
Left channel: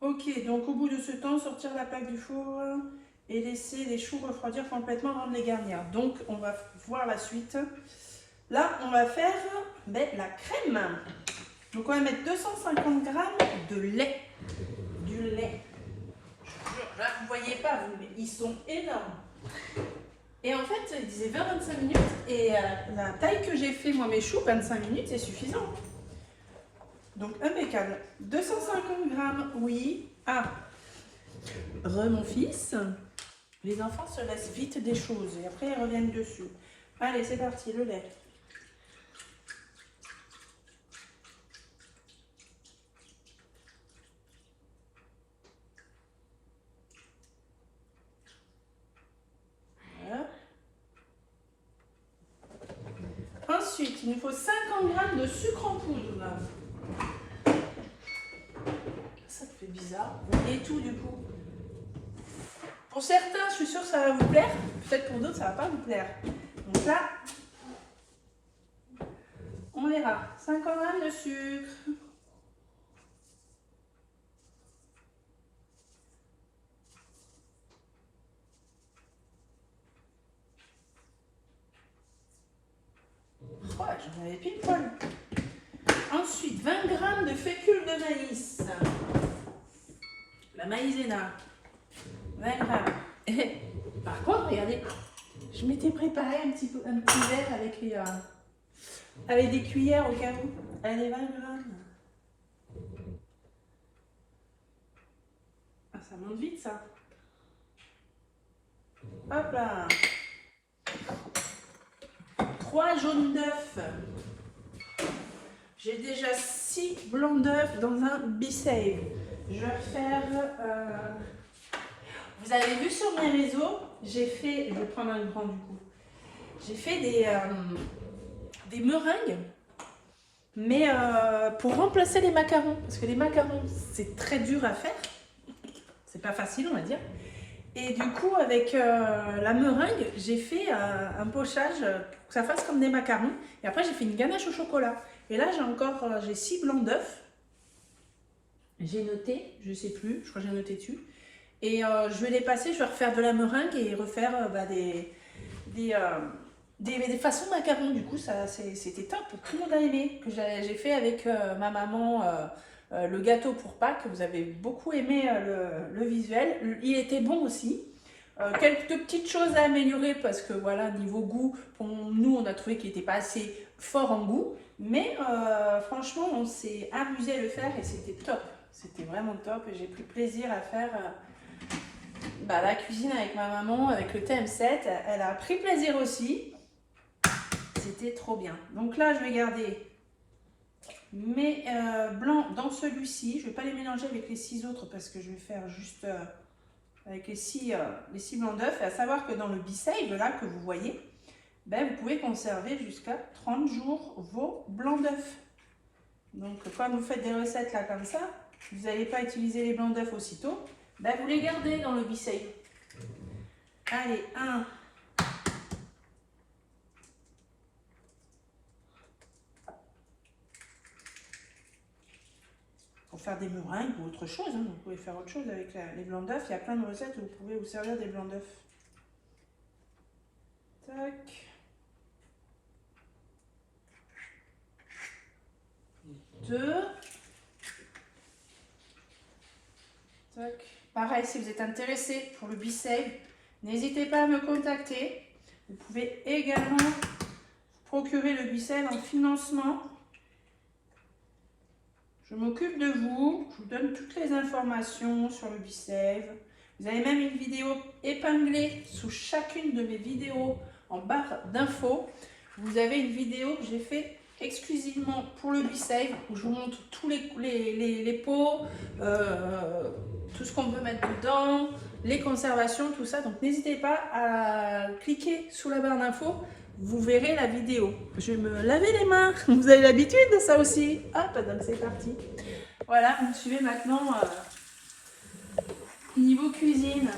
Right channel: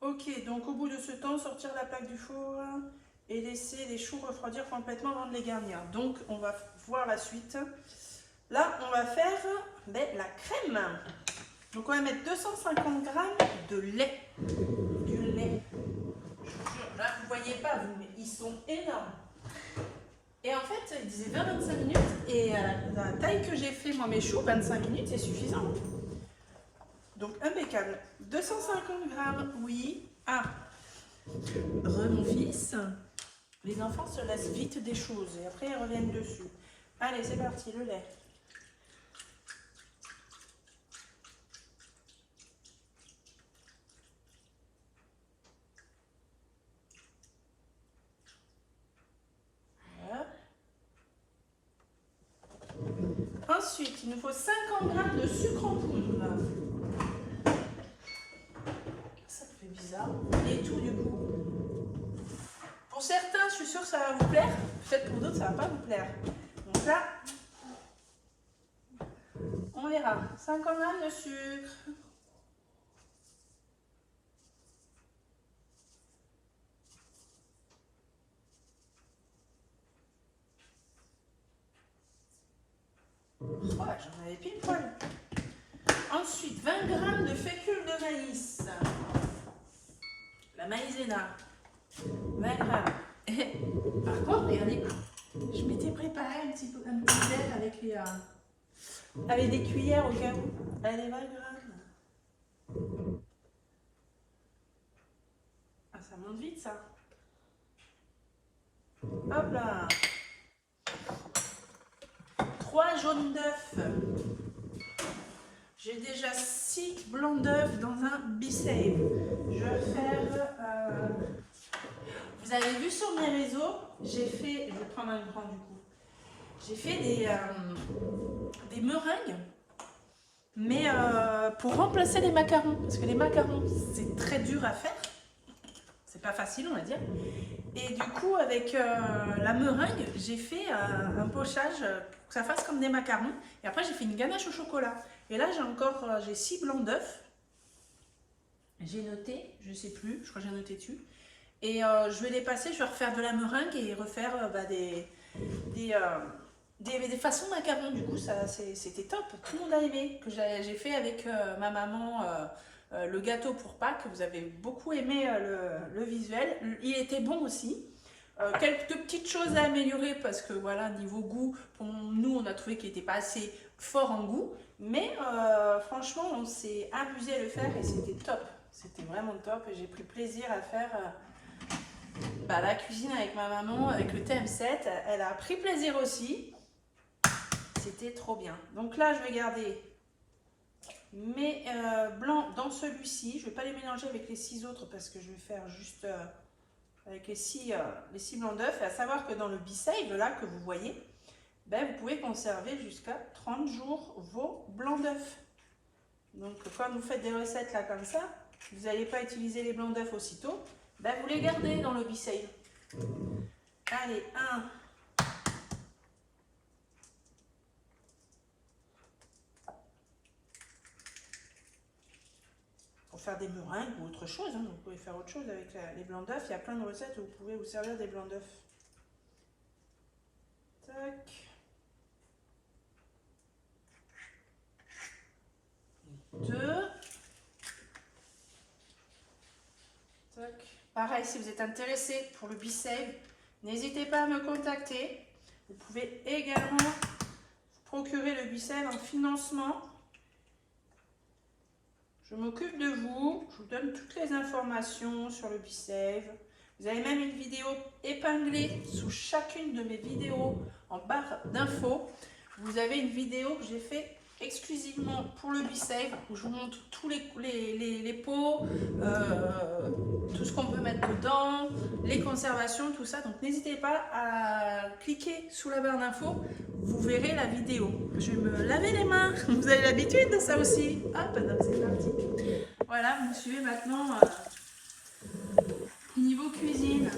Ok, donc au bout de ce temps, sortir la plaque du four et laisser les choux refroidir complètement avant de les garnir. Donc on va voir la suite. Là, on va faire la crème. Donc on va mettre 250 g de lait. Du lait. Je vous jure, là vous ne voyez pas, mais ils sont énormes. Et en fait, il disait 20-25 minutes. Et la taille que j'ai fait, moi, mes choux, 25 minutes, c'est suffisant. Donc, impeccable. 250 grammes, oui. Ah, mon fils. Les enfants se laissent vite des choses. Et après, ils reviennent dessus. Allez, c'est parti, le lait. Voilà. Ensuite, il nous faut 50 g de sucre en poudre. Ça fait bizarre. Et tout du coup. Pour certains, je suis sûre que ça va vous plaire. Peut-être pour d'autres, ça ne va pas vous plaire. Donc là, on verra. 50 g de sucre. Ouais, j'en avais pile poil. Ensuite, 20 g de fécule de maïs. La maïzena. 20 g. Par contre, regardez, je m'étais préparé un petit verre avec des cuillères au cas où. Allez, 20 g. Ah, ça monte vite, ça. Hop là. 3 jaunes d'œufs. J'ai déjà 6 blancs d'œufs dans un B-Save. Je vais faire... Vous avez vu sur mes réseaux, j'ai fait... Je vais prendre un grand du coup. J'ai fait des meringues, mais pour remplacer les macarons. Parce que les macarons, c'est très dur à faire. C'est pas facile, on va dire. Et du coup, avec la meringue, j'ai fait un pochage pour que ça fasse comme des macarons. Et après, j'ai fait une ganache au chocolat. Et là, j'ai 6 blancs d'œufs. J'ai noté, je sais plus, je crois que j'ai noté dessus. Et je vais les passer, je vais refaire de la meringue et refaire des façons macarons. Du coup, c'était top. Tout le monde a aimé. Que j'ai fait avec ma maman le gâteau pour Pâques. Vous avez beaucoup aimé le visuel. Il était bon aussi. Quelques petites choses à améliorer parce que voilà, niveau goût, pour nous, on a trouvé qu'il n'était pas assez fort en goût. Mais franchement, on s'est amusé à le faire et c'était top. C'était vraiment top et j'ai pris plaisir à faire la cuisine avec ma maman, avec le TM7. Elle a pris plaisir aussi. C'était trop bien. Donc là, je vais garder mes blancs dans celui-ci. Je ne vais pas les mélanger avec les 6 autres parce que je vais faire juste avec les 6 blancs d'œufs. Et à savoir que dans le B-Save, là, que vous voyez, vous pouvez conserver jusqu'à 30 jours vos blancs d'œufs. Donc, quand vous faites des recettes là comme ça, vous n'allez pas utiliser les blancs d'œufs aussitôt, vous les gardez dans le B-Save. Allez, 1. Pour faire des meringues ou autre chose, hein, vous pouvez faire autre chose avec les blancs d'œufs. Il y a plein de recettes où vous pouvez vous servir des blancs d'œufs. Tac. 2. Tac. Pareil, si vous êtes intéressé pour le B-Save, n'hésitez pas à me contacter. Vous pouvez également procurer le B-Save en financement. Je m'occupe de vous. Je vous donne toutes les informations sur le B-Save. Vous avez même une vidéo épinglée sous chacune de mes vidéos en barre d'infos. Vous avez une vidéo que j'ai fait exclusivement pour le B-Save où je vous montre tous les pots, tout ce qu'on peut mettre dedans, les conservations, tout ça. Donc n'hésitez pas à cliquer sous la barre d'infos, vous verrez la vidéo. Je vais me laver les mains, vous avez l'habitude de ça aussi. Hop, donc c'est parti. Voilà, vous me suivez maintenant niveau cuisine.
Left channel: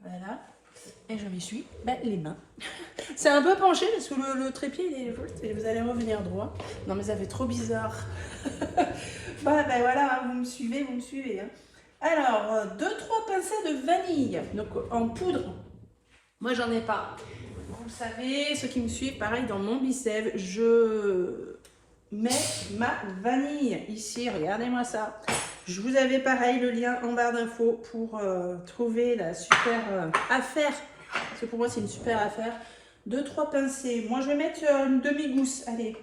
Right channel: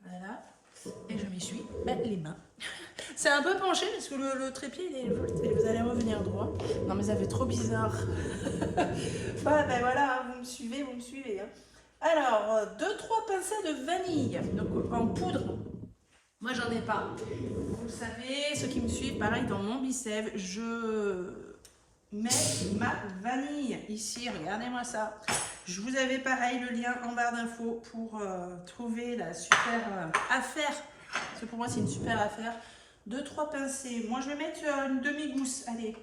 Voilà. Et je m'essuie les mains. C'est un peu penché parce que le trépied il est juste et vous allez revenir droit. Non mais ça fait trop bizarre. Voilà, vous me suivez, hein. Alors, 2-3 pincées de vanille. Donc en poudre. Moi j'en ai pas. Vous savez, ceux qui me suivent, pareil dans mon B-Save, je mets ma vanille ici. Regardez-moi ça. Je vous avais pareil le lien en barre d'infos pour trouver la super affaire. Parce que pour moi c'est une super affaire. 2-3 pincées. Moi je vais mettre une demi-gousse. Allez.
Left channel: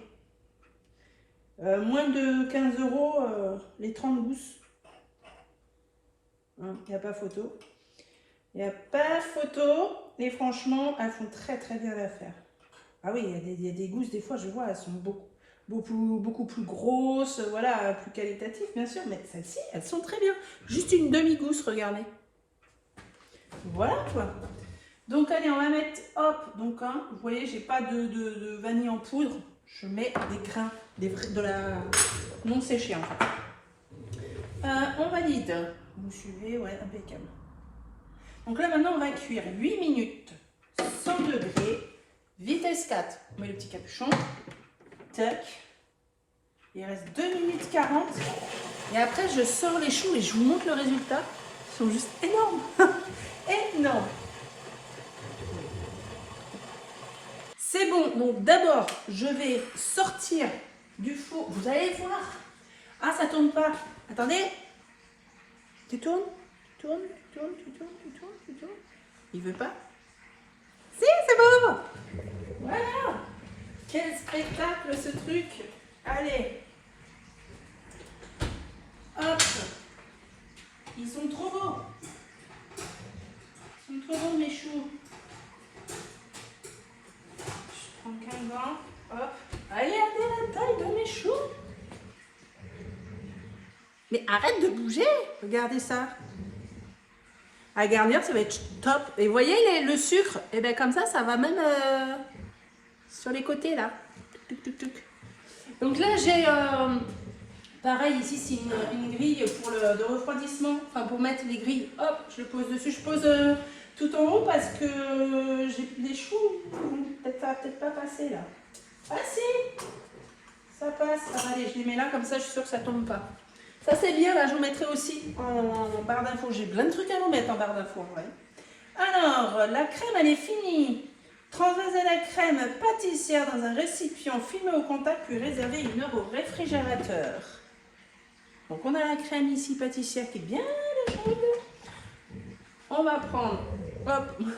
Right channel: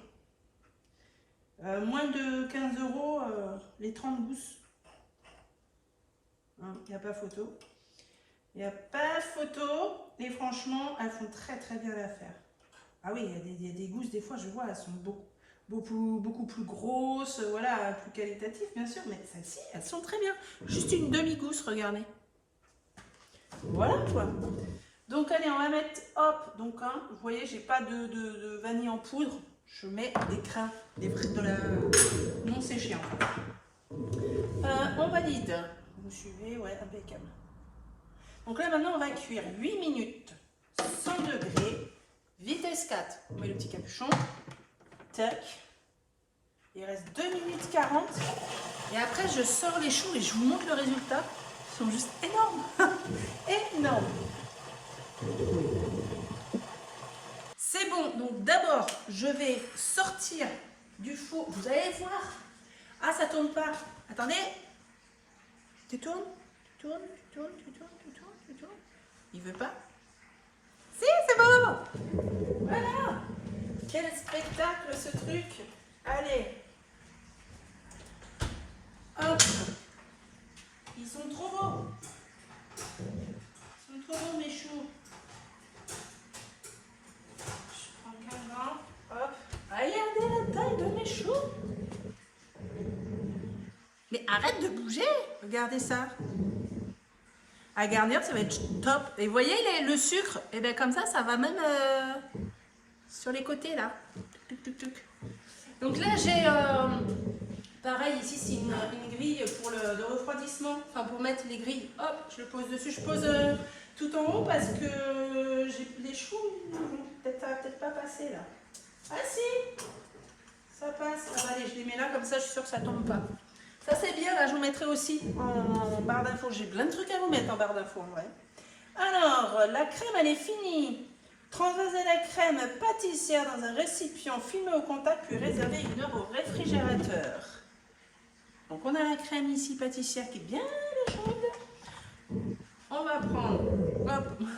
Moins de 15 €, les 30 gousses. Il n'y a pas photo. Il n'y a pas photo. Et franchement, elles font très très bien l'affaire. Ah oui, il y a des gousses, des fois je vois, elles sont beaucoup plus grosses, voilà, plus qualitatives bien sûr. Mais celles-ci, elles sont très bien. Juste une demi-gousse, regardez. Voilà quoi. Donc allez, on va mettre, hop, donc hein, vous voyez, j'ai pas de vanille en poudre. Je mets des grains, de la non séchée en fait. On valide. Vous me suivez, ouais, impeccable. Donc là maintenant on va cuire 8 minutes, 100 degrés, vitesse 4. On met le petit capuchon. Tac. Il reste 2 minutes 40. Et après je sors les choux et je vous montre le résultat. Ils sont juste énormes. Énormes. C'est bon, donc d'abord je vais sortir du four. Vous allez voir. Ah, ça tourne pas. Attendez. Tu tournes, tu tournes, tu tournes, tu tournes, tu tournes, tu tournes. Il veut pas. Si, c'est bon. Voilà. Quel spectacle ce truc. Allez. Hop. Ils sont trop beaux. Ils sont trop beaux mes choux. Je prends qu'un gant. Hop. Regardez la taille de mes choux. Mais arrête de bouger. Regardez ça. À garnir, ça va être top. Et vous voyez le sucre, et bien comme ça va même sur les côtés là. Tuc, tuc, tuc. Donc là j'ai pareil ici c'est une grille pour de refroidissement, enfin pour mettre les grilles. Hop, je le pose dessus. Je pose tout en haut parce que j'ai les choux, ça va peut-être pas passer là. Ah si, ça passe. Ah, bah, allez, je les mets là comme ça, je suis sûre que ça tombe pas. Ça c'est bien, là je vous mettrai aussi en barre d'infos. J'ai plein de trucs à vous mettre en barre d'infos. Ouais. Alors, la crème elle est finie. Transvasez la crème pâtissière dans un récipient filmé au contact puis réservez 1 heure au réfrigérateur. Donc on a la crème ici pâtissière qui est bien chaude. On va prendre, hop,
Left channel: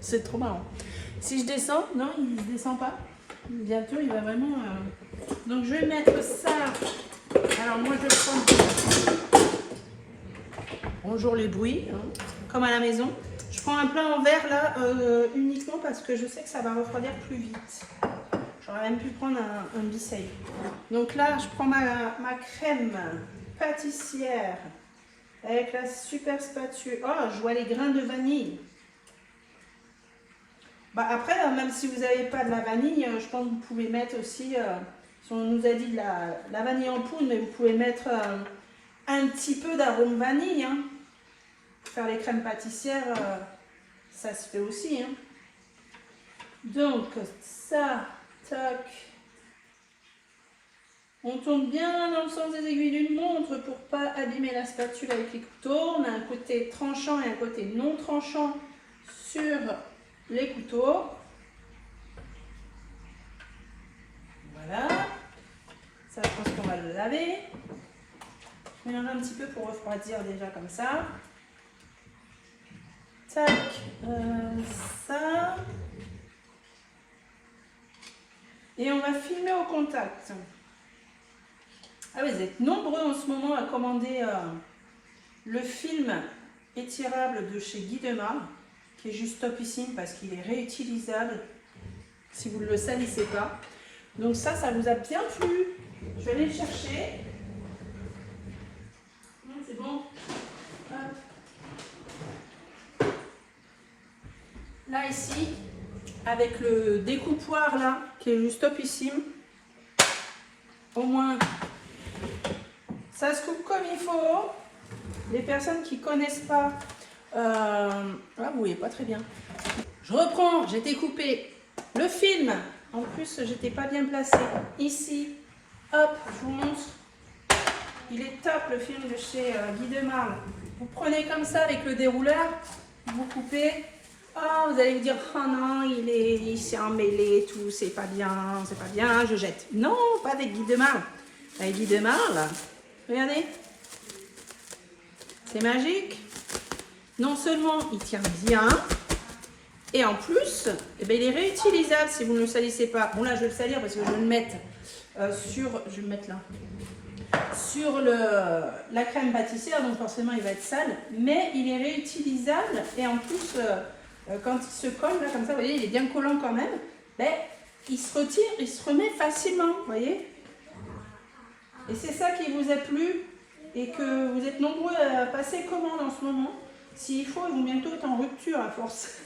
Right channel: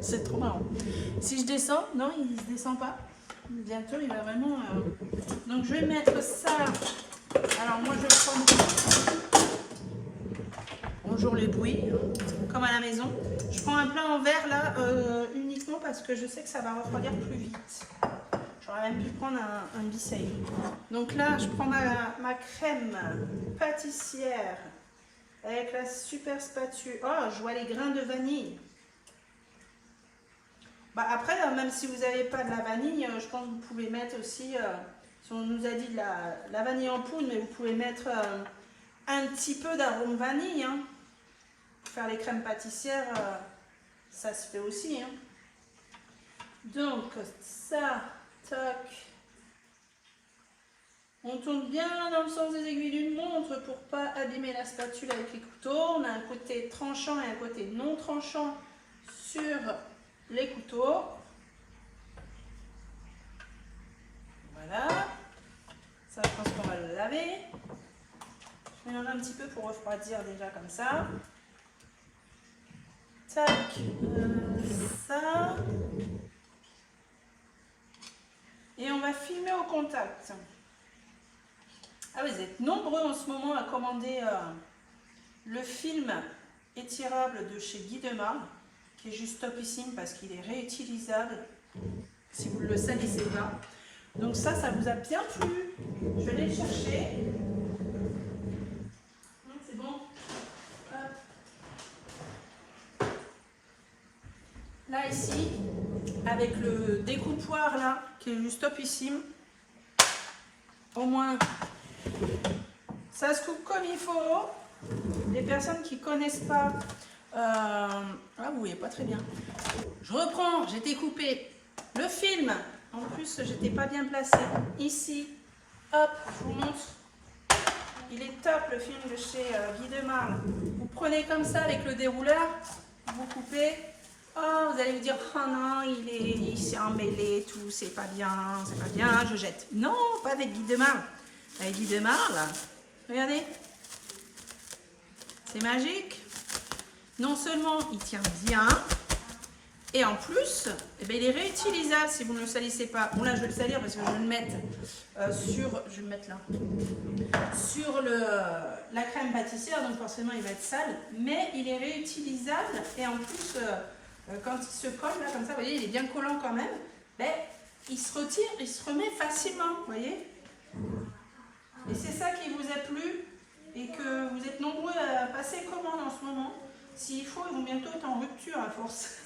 c'est trop marrant. Si je descends, non il ne descend pas. Bientôt il va vraiment... Donc je vais mettre ça... Alors moi je prends, bonjour les bruits, hein, comme à la maison. Je prends un plat en verre là uniquement parce que je sais que ça va refroidir plus vite. J'aurais même pu prendre un biseil. Donc là je prends ma crème pâtissière avec la super spatule. Oh, je vois les grains de vanille. Bah après, même si vous n'avez pas de la vanille, je pense que vous pouvez mettre aussi... Si on nous a dit de la vanille en poudre, mais vous pouvez mettre un petit peu d'arôme vanille. Hein. Faire les crèmes pâtissières, ça se fait aussi. Hein. Donc ça, tac. On tourne bien dans le sens des aiguilles d'une montre pour ne pas abîmer la spatule avec les couteaux. On a un côté tranchant et un côté non tranchant sur les couteaux. Voilà. Ça, je pense qu'on va le laver. Je mets un petit peu pour refroidir déjà comme ça. Tac, ça. Et on va filmer au contact. Ah oui, vous êtes nombreux en ce moment à commander le film étirable de chez Guy Demar, qui est juste topissime parce qu'il est réutilisable si vous ne le salissez pas. Donc ça vous a bien plu. Je vais aller le chercher. C'est bon. Là, ici, avec le découpoir là, qui est juste topissime. Au moins, ça se coupe comme il faut. Les personnes qui ne connaissent pas, ah, vous voyez pas très bien. Je reprends, j'ai découpé le film. En plus, j'étais pas bien placée. Ici, hop, je vous montre. Il est top le film de chez Guy Demar. Vous prenez comme ça avec le dérouleur, vous coupez. Oh, vous allez vous dire, oh non, il s'est emmêlé, tout, c'est pas bien, je jette. Non, pas avec Guy Demar. Avec Guy Demar, là, regardez. C'est magique. Non seulement il tient bien, et en plus, eh bien, il est réutilisable si vous ne le salissez pas. Bon là, je vais le salir parce que je vais le mettre sur... Je vais le mettre là. Sur la crème pâtissière, donc forcément il va être sale. Mais il est réutilisable et en plus, quand il se colle là comme ça, vous voyez, il est bien collant quand même. Ben, il se retire, il se remet facilement, vous voyez. Et c'est ça qui vous a plu et que vous êtes nombreux à passer commande en ce moment. S'il faut, ils vont bientôt être en rupture à force.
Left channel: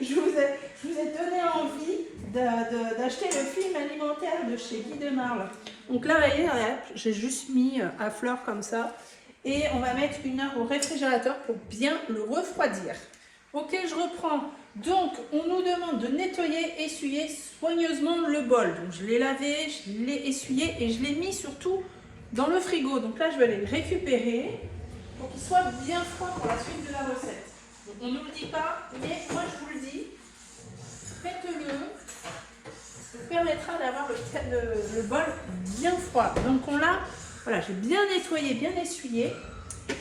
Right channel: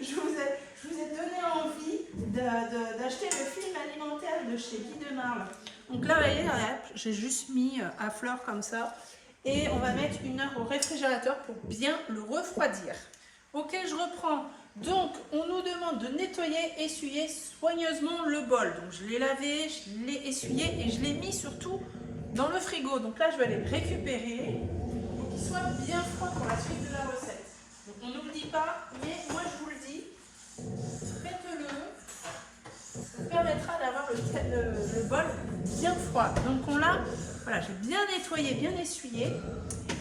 je vous ai donné envie d'acheter le film alimentaire de chez Guy Demarle. Donc là, vous voyez, j'ai juste mis à fleur comme ça. Et on va mettre 1 heure au réfrigérateur pour bien le refroidir. Ok, je reprends. Donc, on nous demande de nettoyer, essuyer soigneusement le bol. Donc, je l'ai lavé, je l'ai essuyé et je l'ai mis surtout dans le frigo. Donc là, je vais aller le récupérer pour qu'il soit bien froid pour la suite de la recette. Donc, on ne nous le dit pas, mais moi, je vous le dis, faites-le. Ça vous permettra d'avoir le bol bien froid. Donc, on l'a, voilà, j'ai bien nettoyé, bien essuyé.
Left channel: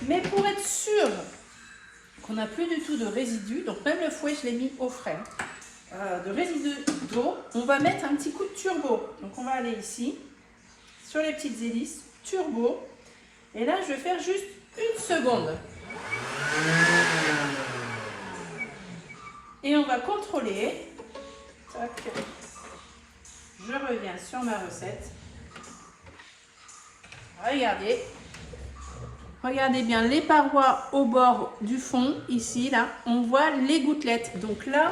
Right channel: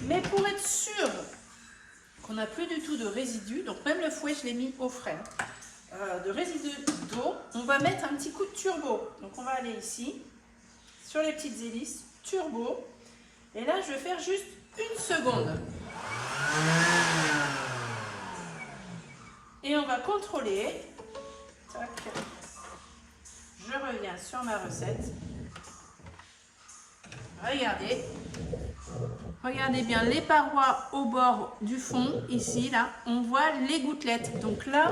Mais pour être sûr qu'on n'a plus du tout de résidus, donc même le fouet, je l'ai mis au frais, de résidus d'eau, on va mettre un petit coup de turbo. Donc, on va aller ici, sur les petites hélices, turbo. Et là, je vais faire juste 1 seconde. Et on va contrôler. Tac. Je reviens sur ma recette. Regardez. Regardez bien les parois au bord du fond. Ici, là, on voit les gouttelettes. Donc là,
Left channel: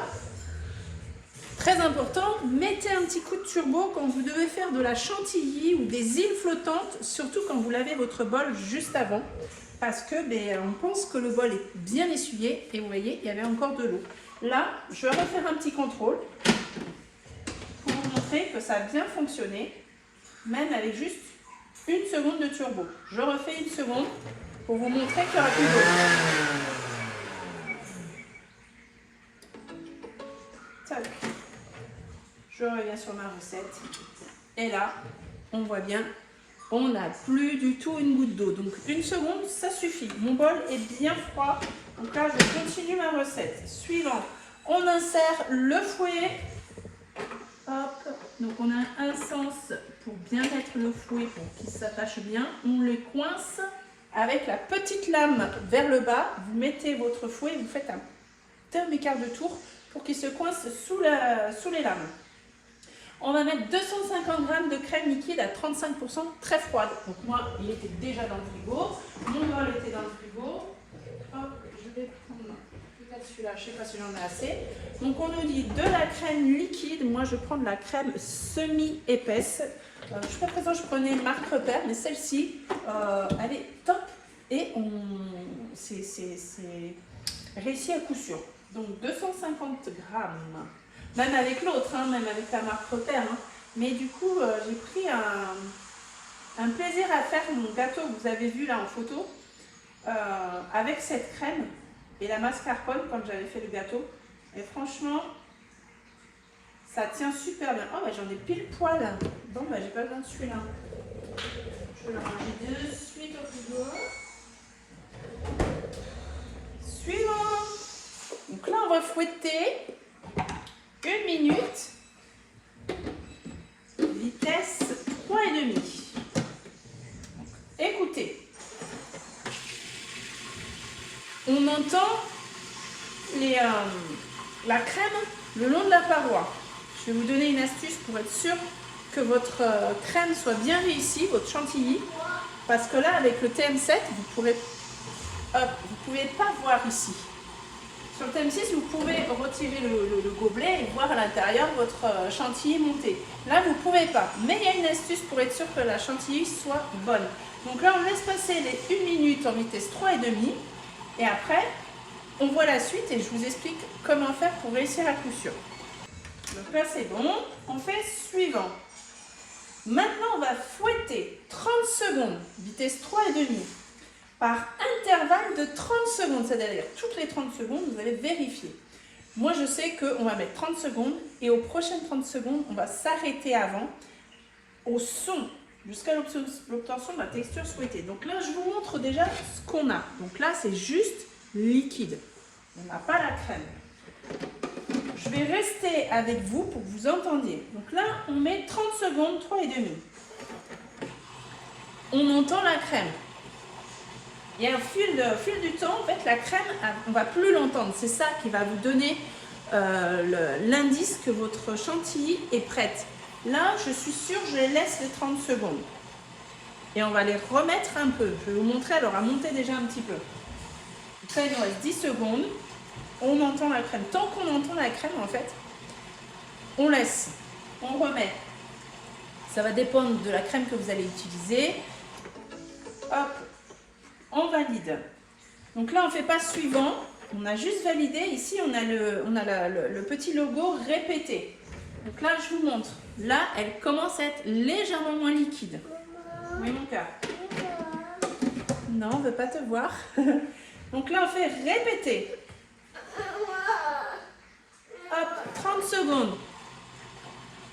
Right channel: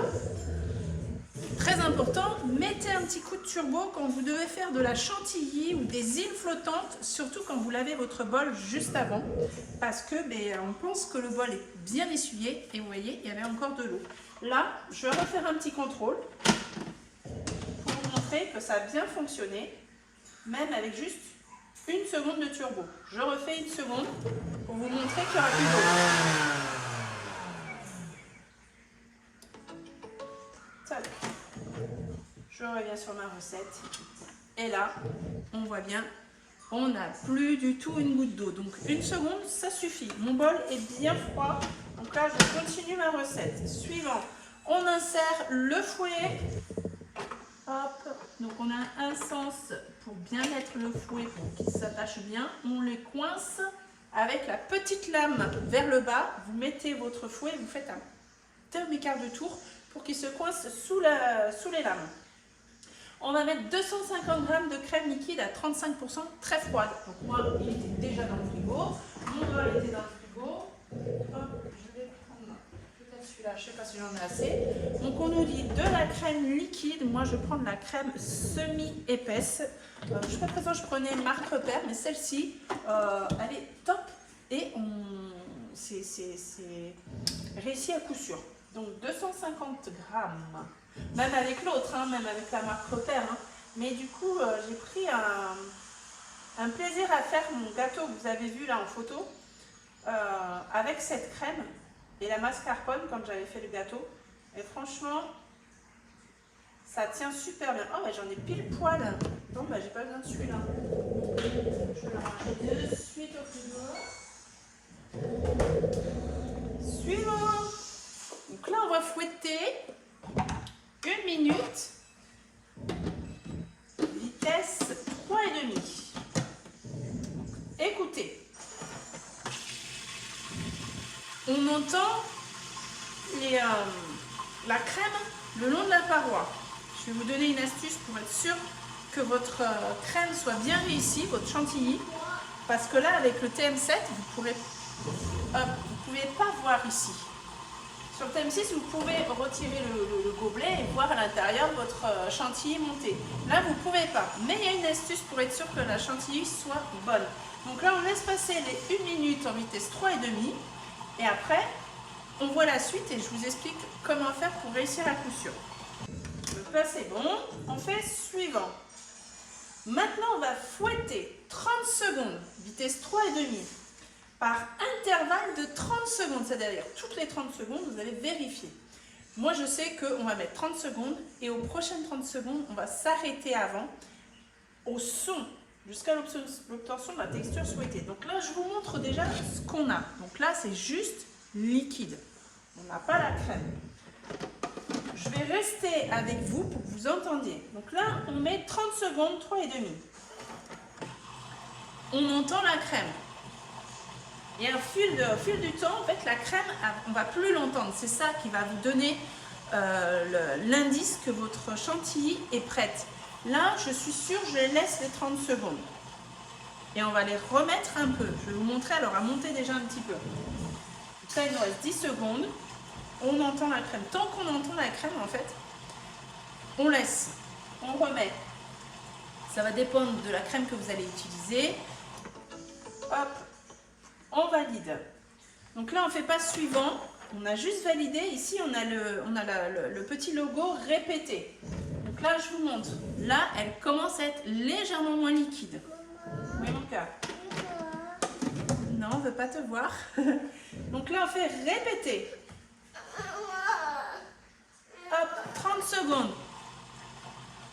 très important, mettez un petit coup de turbo quand vous devez faire de la chantilly ou des îles flottantes, surtout quand vous lavez votre bol juste avant. Parce que on pense que le bol est bien essuyé et vous voyez, il y avait encore de l'eau. Là, je vais refaire un petit contrôle pour vous montrer que ça a bien fonctionné, même avec juste 1 seconde de turbo. Je refais 1 seconde pour vous montrer qu'il n'y aura plus d'eau. Tac. Je reviens sur ma recette. Et là, on voit bien, on n'a plus du tout une goutte d'eau. Donc 1 seconde, ça suffit. Mon bol est bien froid. Donc là, je continue ma recette. Suivant, on insère le fouet. Hop. Donc on a un sens pour bien mettre le fouet, pour qu'il s'attache bien. On les coince avec la petite lame vers le bas. Vous mettez votre fouet, vous faites un demi-quart de tour pour qu'il se coince sous les lames. On va mettre 250 g de crème liquide à 35% très froide. Donc moi, il était déjà dans le frigo. Mon bol était dans le frigo. Hop, je vais prendre peut-être celui-là, je ne sais pas si j'en ai assez. Donc on nous dit de la crème liquide. Moi, je prends de la crème semi-épaisse. Jusqu'à présent, je prenais marque Repère, mais celle-ci, elle est top. Et c'est réussi à coup sûr. Donc 250 g. Même avec l'autre, hein, même avec la marque Repère. Hein. Mais du coup, j'ai pris un plaisir à faire mon gâteau que vous avez vu là en photo avec cette crème et la mascarpone quand j'avais fait le gâteau. Et franchement, ça tient super bien. Oh, bah, j'en ai pile poil. Bon, bah, j'ai pas besoin de celui-là. Je vais le ranger de suite au frigo. Suivant. Donc là, on va fouetter. 1 minute, vitesse 3,5. Écoutez, on entend la crème le long de la paroi. Je vais vous donner une astuce pour être sûr que votre crème soit bien réussie, votre chantilly, parce que là, avec le TM7, vous ne pouvez pas voir ici. Sur le TM6, vous pouvez retirer le gobelet et voir à l'intérieur votre chantilly monter. Là, vous ne pouvez pas. Mais il y a une astuce pour être sûr que la chantilly soit bonne. Donc là, on laisse passer les 1 minute en vitesse 3,5. Et après, on voit la suite et je vous explique comment faire pour réussir à coup sûr. Donc là, c'est bon. On fait suivant. Maintenant, on va fouetter 30 secondes, vitesse 3,5. Par intervalle de 30 secondes, c'est-à-dire toutes les 30 secondes, vous allez vérifier. Moi, je sais qu'on va mettre 30 secondes et aux prochaines 30 secondes, on va s'arrêter avant au son, jusqu'à l'obtention de la texture souhaitée. Donc là, je vous montre déjà ce qu'on a. Donc là, c'est juste liquide. On n'a pas la crème. Je vais rester avec vous pour que vous entendiez. Donc là, on met 30 secondes, 3,5. On entend la crème. Et au fil du temps, en fait, la crème, on ne va plus l'entendre. C'est ça qui va vous donner l'indice que votre chantilly est prête. Là, je suis sûre, je les laisse les 30 secondes. Et on va les remettre un peu. Je vais vous montrer, elle aura monté déjà un petit peu. Ça, il nous reste 10 secondes. on entend la crème. Tant qu'on entend la crème, en fait, on laisse, on remet. Ça va dépendre de la crème que vous allez utiliser. Hop, on valide. Donc là, on ne fait pas suivant. On a juste validé. Ici, on a le petit logo répété. Donc là, je vous montre. Là, elle commence à être légèrement moins liquide. Oui, mon cœur. Non, on ne veut pas te voir. Donc là, on fait répéter. Hop, 30 secondes.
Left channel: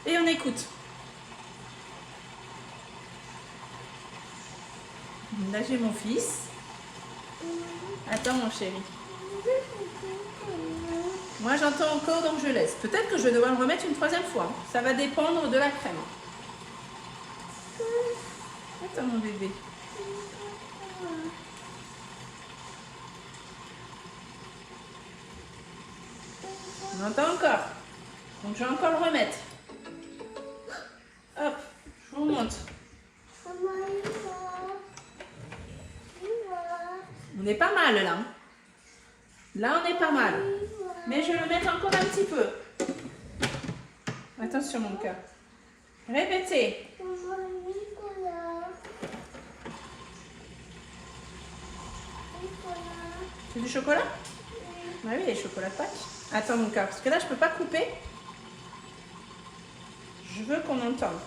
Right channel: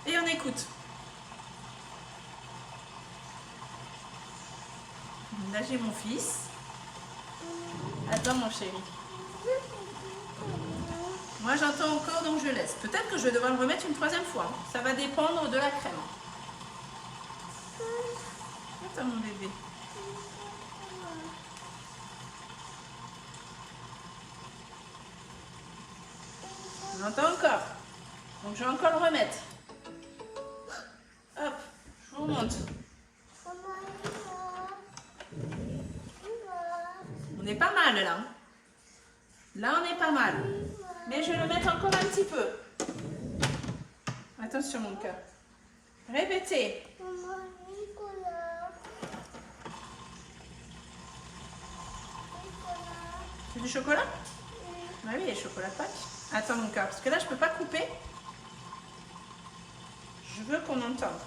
Et on écoute. Là, j'ai mon fils. Attends, mon chéri. Moi, j'entends encore, donc je laisse. Peut-être que je vais devoir le remettre une troisième fois. Ça va dépendre de la crème. Attends, mon bébé. On entend encore. Donc, je vais encore le remettre. Hop, je vous montre. On est pas mal, là. Là, on est pas mal. Mais je vais le mettre encore un petit peu. Attention, mon cœur. Répétez. C'est du chocolat? Ah oui, il y a le chocolat de Pâques. Attends, mon cœur, parce que là, je peux pas couper. Je veux qu'on entende.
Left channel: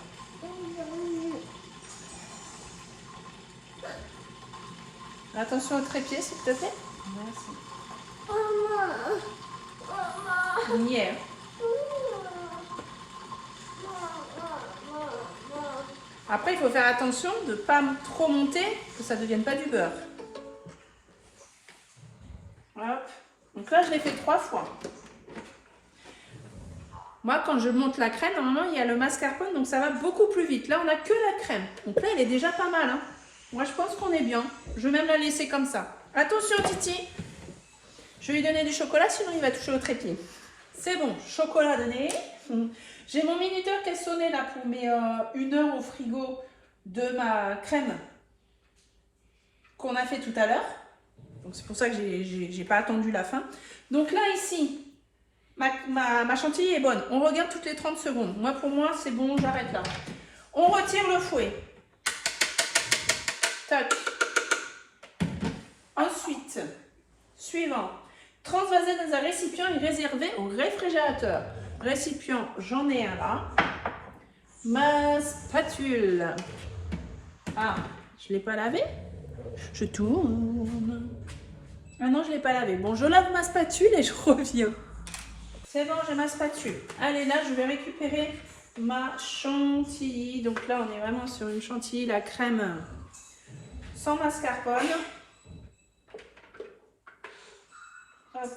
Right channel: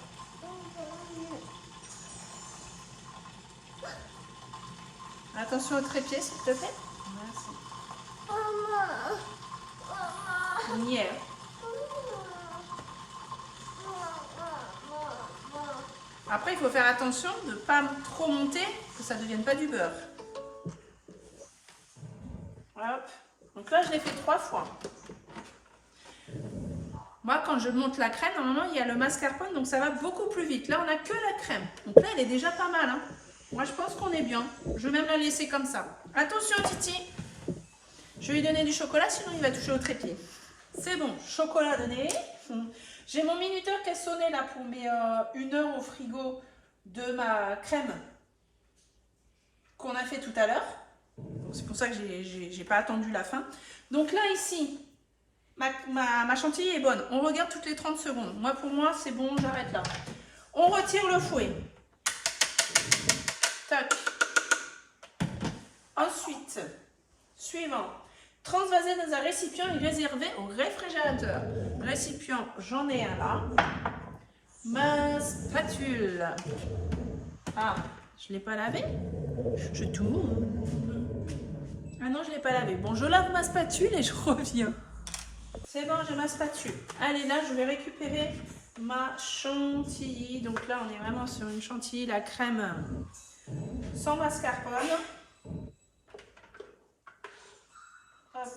Attention au trépied, s'il te plaît. Merci. On y est. Après, il faut faire attention de ne pas trop monter, que ça ne devienne pas du beurre. Hop. Donc là, je l'ai fait 3 fois. Moi, quand je monte la crème, normalement, il y a le mascarpone, donc ça va beaucoup plus vite. Là, on n'a que la crème. Donc là, elle est déjà pas mal. Hein. Moi, je pense qu'on est bien. Je vais même la laisser comme ça. Attention, Titi. Je vais lui donner du chocolat, sinon il va toucher au trépied. C'est bon, chocolat donné. J'ai mon minuteur qui est sonné là pour mes 1 heure au frigo de ma crème qu'on a fait tout à l'heure. Donc c'est pour ça que j'ai pas attendu la fin. Donc là ici, ma chantilly est bonne. On regarde toutes les 30 secondes. Moi pour moi c'est bon, j'arrête là. On retire le fouet. Tac. Ensuite, suivant. Transvaser dans un récipient et réservé au réfrigérateur. Récipient, j'en ai un là. Ma spatule. Ah, je ne l'ai pas lavé. Je tourne. Ah non, je ne l'ai pas lavé. Bon, je lave ma spatule et je reviens. C'est bon, j'ai ma spatule. Allez, là, je vais récupérer ma chantilly. Donc là, on est vraiment sur une chantilly, la crème sans mascarpone. Hop.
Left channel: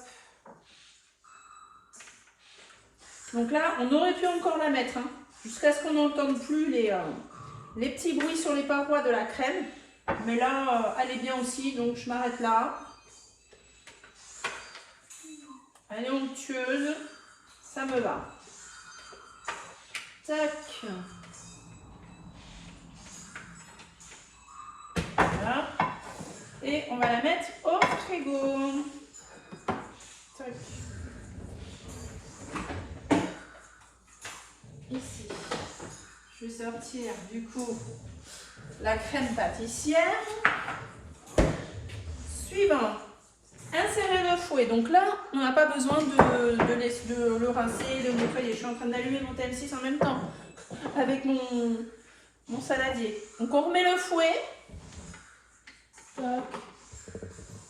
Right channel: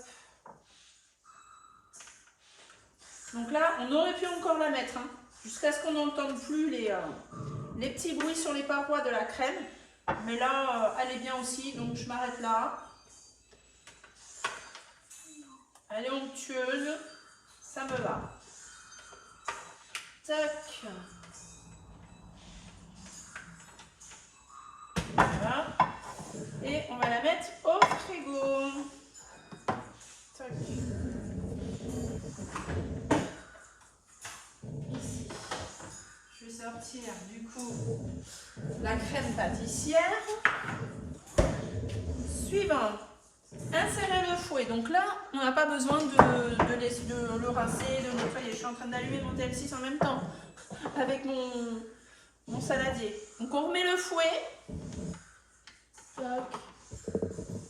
Donc là, on aurait pu encore la mettre, hein, jusqu'à ce qu'on n'entende plus les petits bruits sur les parois de la crème. Mais là, elle est bien aussi, donc je m'arrête là. Elle est onctueuse, ça me va. Tac. Voilà. Et on va la mettre au frigo. Tac. Ici, je vais sortir du coup la crème pâtissière. Suivant, insérer le fouet. Donc là, on n'a pas besoin de le rincer, de le nettoyer. Je suis en train d'allumer mon TM6 en même temps avec mon saladier. Donc on remet le fouet.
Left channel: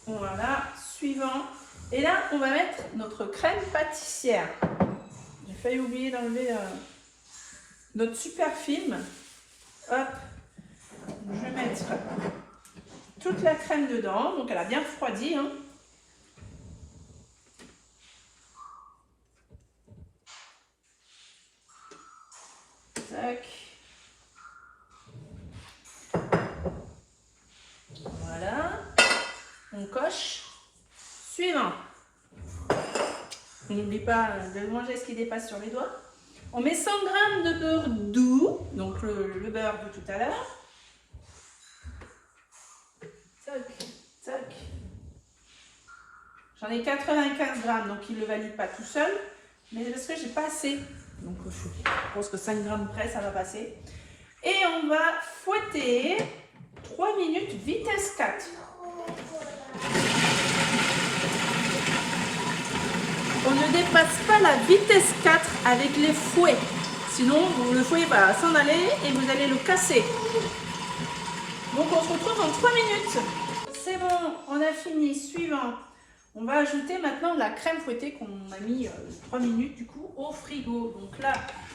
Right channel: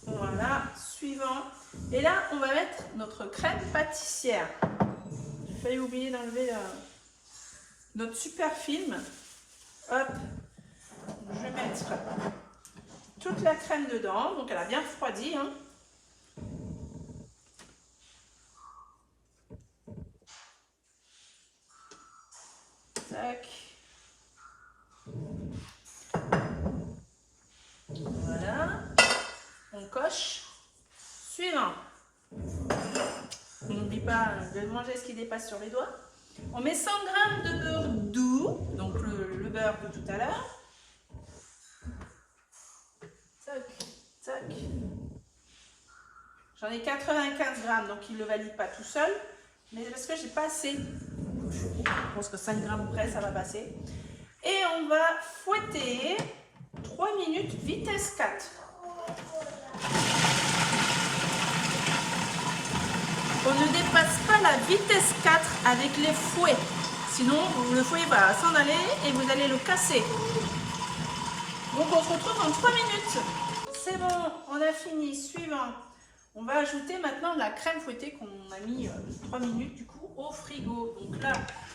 Voilà, suivant. Et là, on va mettre notre crème pâtissière. J'ai failli oublier d'enlever notre super film. Hop, je vais mettre toute la crème dedans. Donc elle a bien refroidi. Hein. Tac. Voilà. On coche. Suivant. On n'oublie pas de manger ce qui dépasse sur les doigts. On met 100 g de beurre doux, donc le beurre de tout à l'heure. Tac, tac. J'en ai 95 grammes, donc il ne le valide pas tout seul. Mais parce que j'ai pas assez. Donc je pense que 5 grammes près, ça va passer. Et on va fouetter 3 minutes vitesse 4. On ne dépasse pas la vitesse 4 avec les fouets. Sinon, le fouet va s'en aller et vous allez le casser. Donc on se retrouve en 3 minutes. C'est bon, on a fini. Suivant. On va ajouter maintenant la crème fouettée qu'on a mis 3 minutes du coup au frigo. Donc là,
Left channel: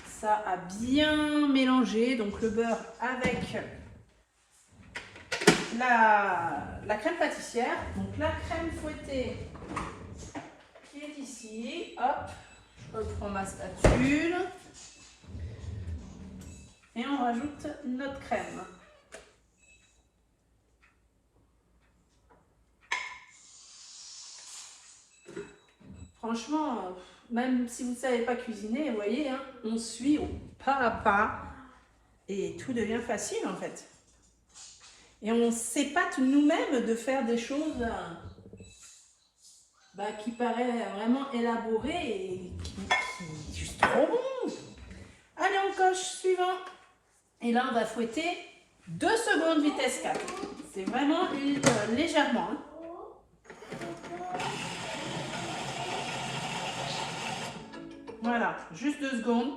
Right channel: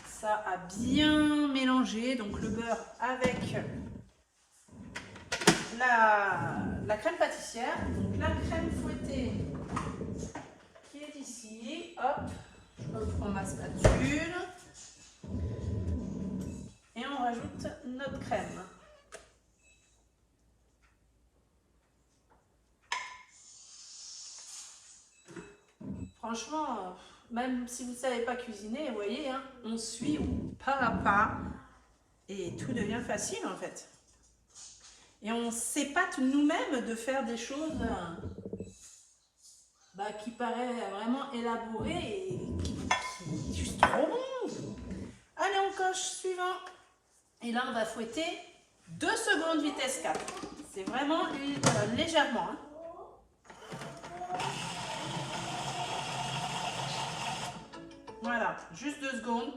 ça a bien mélangé. Donc le beurre avec la crème pâtissière. Donc la crème fouettée qui est ici. Hop, je reprends ma spatule. Et on rajoute notre crème. Franchement, même si vous ne savez pas cuisiner, vous voyez, hein, on suit pas à pas et tout devient facile en fait. Et on s'épate nous-mêmes de faire des choses qui paraissent vraiment élaborées et qui juste trop bon. Allez, on coche suivant. Et là, on va fouetter 2 secondes vitesse 4. C'est vraiment légèrement. Hein. Voilà, juste 2 secondes.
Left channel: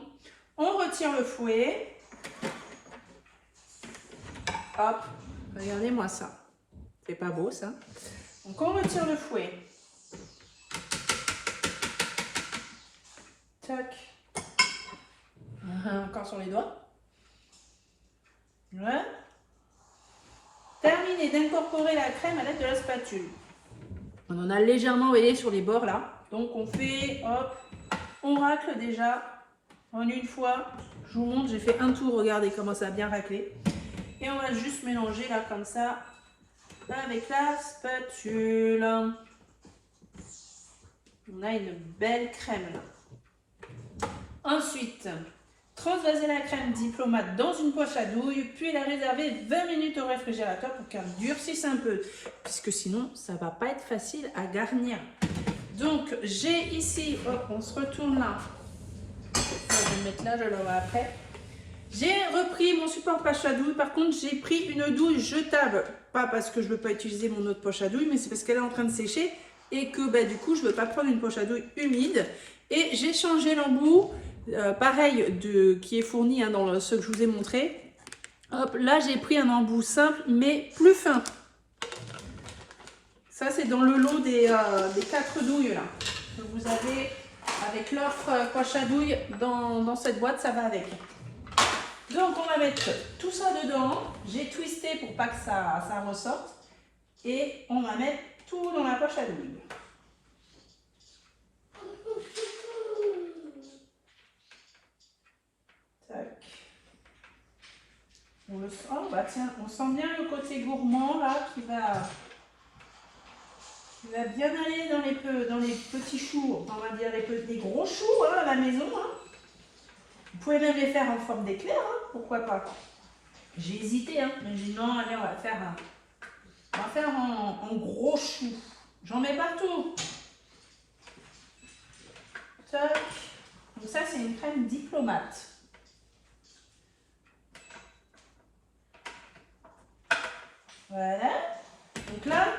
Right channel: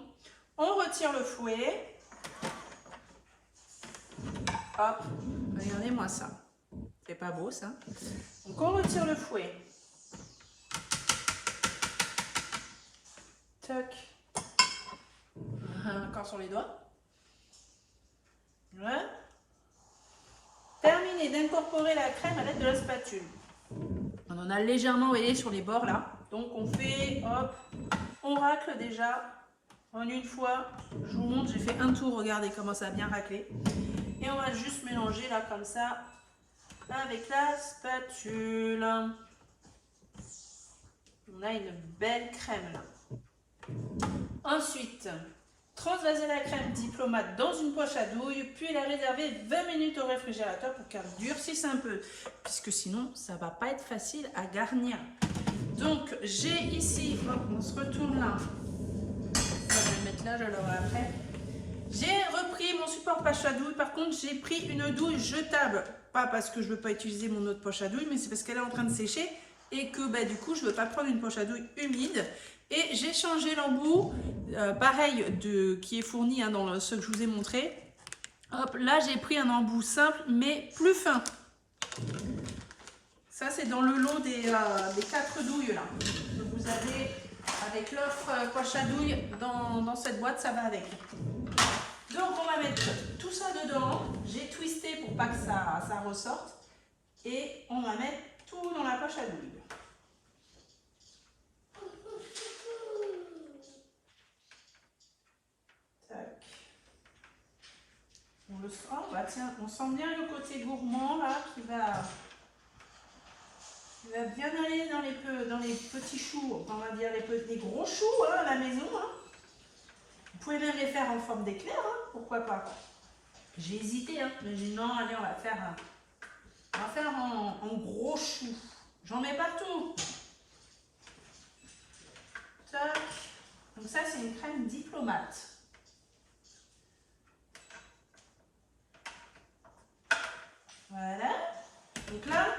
On retire le fouet. Hop, regardez-moi ça. C'est pas beau ça. Donc on retire le fouet. Tac. Encore sur les doigts. Voilà. Terminez d'incorporer la crème à l'aide de la spatule. On en a légèrement, vous voyez, sur les bords là. Donc on fait, hop, on racle déjà en une fois. Je vous montre, j'ai fait un tour, regardez comment ça a bien raclé. Et on va juste mélanger là comme ça avec la spatule. On a une belle crème là. Ensuite, transvaser la crème diplomate dans une poche à douille, puis la réserver 20 minutes au réfrigérateur pour qu'elle durcisse un peu, puisque sinon ça ne va pas être facile à garnir. Donc j'ai ici, hop, on se retourne là, je vais le mettre là, je l'aurai après. J'ai repris mon support poche à douille, par contre j'ai pris une douille jetable, pas parce que je ne veux pas utiliser mon autre poche à douille, mais c'est parce qu'elle est en train de sécher et que du coup je ne veux pas prendre une poche à douille humide. Et j'ai changé l'embout, pareil, qui est fourni dans ce que je vous ai montré. Hop, là j'ai pris un embout simple mais plus fin. Ça c'est dans le lot des 4 douilles là. Donc vous avez avec l'offre poche à douille dans cette boîte, ça va avec. Donc on va mettre tout ça dedans. J'ai twisté pour pas que ça ressorte. Et on va mettre tout dans la poche à douille. On le sent, tiens, on sent bien le côté gourmand là qui va bien aller dans les petits choux, on va dire des gros choux à la maison. Hein. Vous pouvez même les faire en forme d'éclair, hein, pourquoi pas. J'ai hésité, hein, mais j'ai dit non, allez, on va faire en gros choux. J'en mets partout. Tac. Donc ça c'est une crème diplomate. Voilà. Donc là,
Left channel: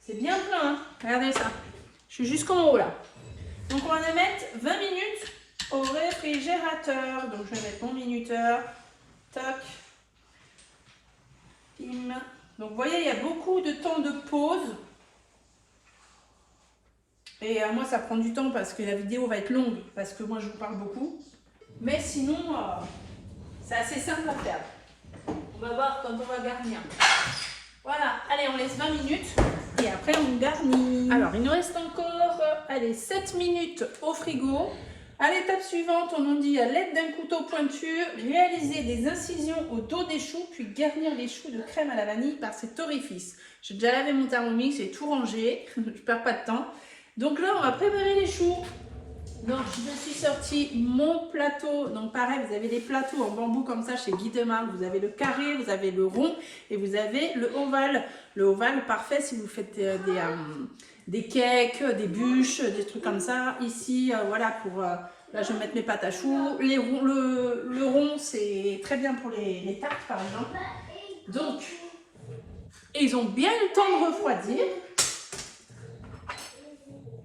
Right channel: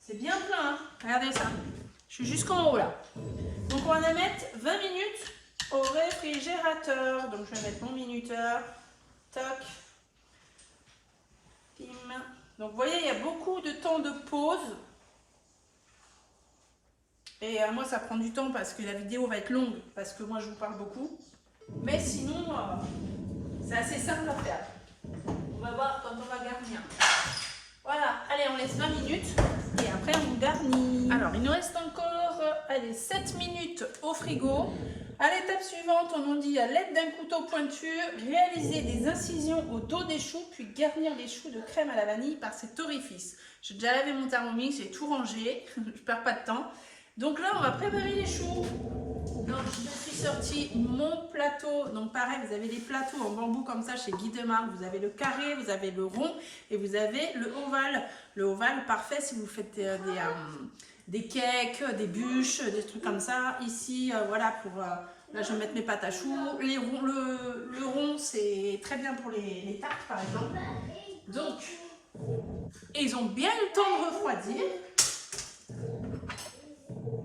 c'est bien plein. Hein. Regardez ça. Je suis jusqu'en haut là. Donc on va la mettre 20 minutes au réfrigérateur. Donc je vais mettre mon minuteur. Tac. Pim. Donc vous voyez, il y a beaucoup de temps de pause. Et moi, ça prend du temps parce que la vidéo va être longue. Parce que moi, je vous parle beaucoup. Mais sinon, c'est assez simple à faire. On va voir quand on va garnir. Voilà, allez, on laisse 20 minutes et après on garnit. Alors, il nous reste encore, allez, 7 minutes au frigo. À l'étape suivante, on nous dit à l'aide d'un couteau pointu, réaliser des incisions au dos des choux, puis garnir les choux de crème à la vanille par cet orifice. J'ai déjà lavé mon Thermomix, j'ai tout rangé, je perds pas de temps. Donc là, on va préparer les choux. Donc, je suis sorti mon plateau. Donc, pareil, vous avez des plateaux en bambou comme ça chez Guy Demarque. Vous avez le carré, vous avez le rond et vous avez le ovale. Le ovale, parfait si vous faites des cakes, des bûches, des trucs comme ça. Ici, voilà, pour... là, je vais mettre mes pâtes à choux. Le rond, c'est très bien pour les tartes, par exemple. Donc, ils ont bien eu le temps de refroidir.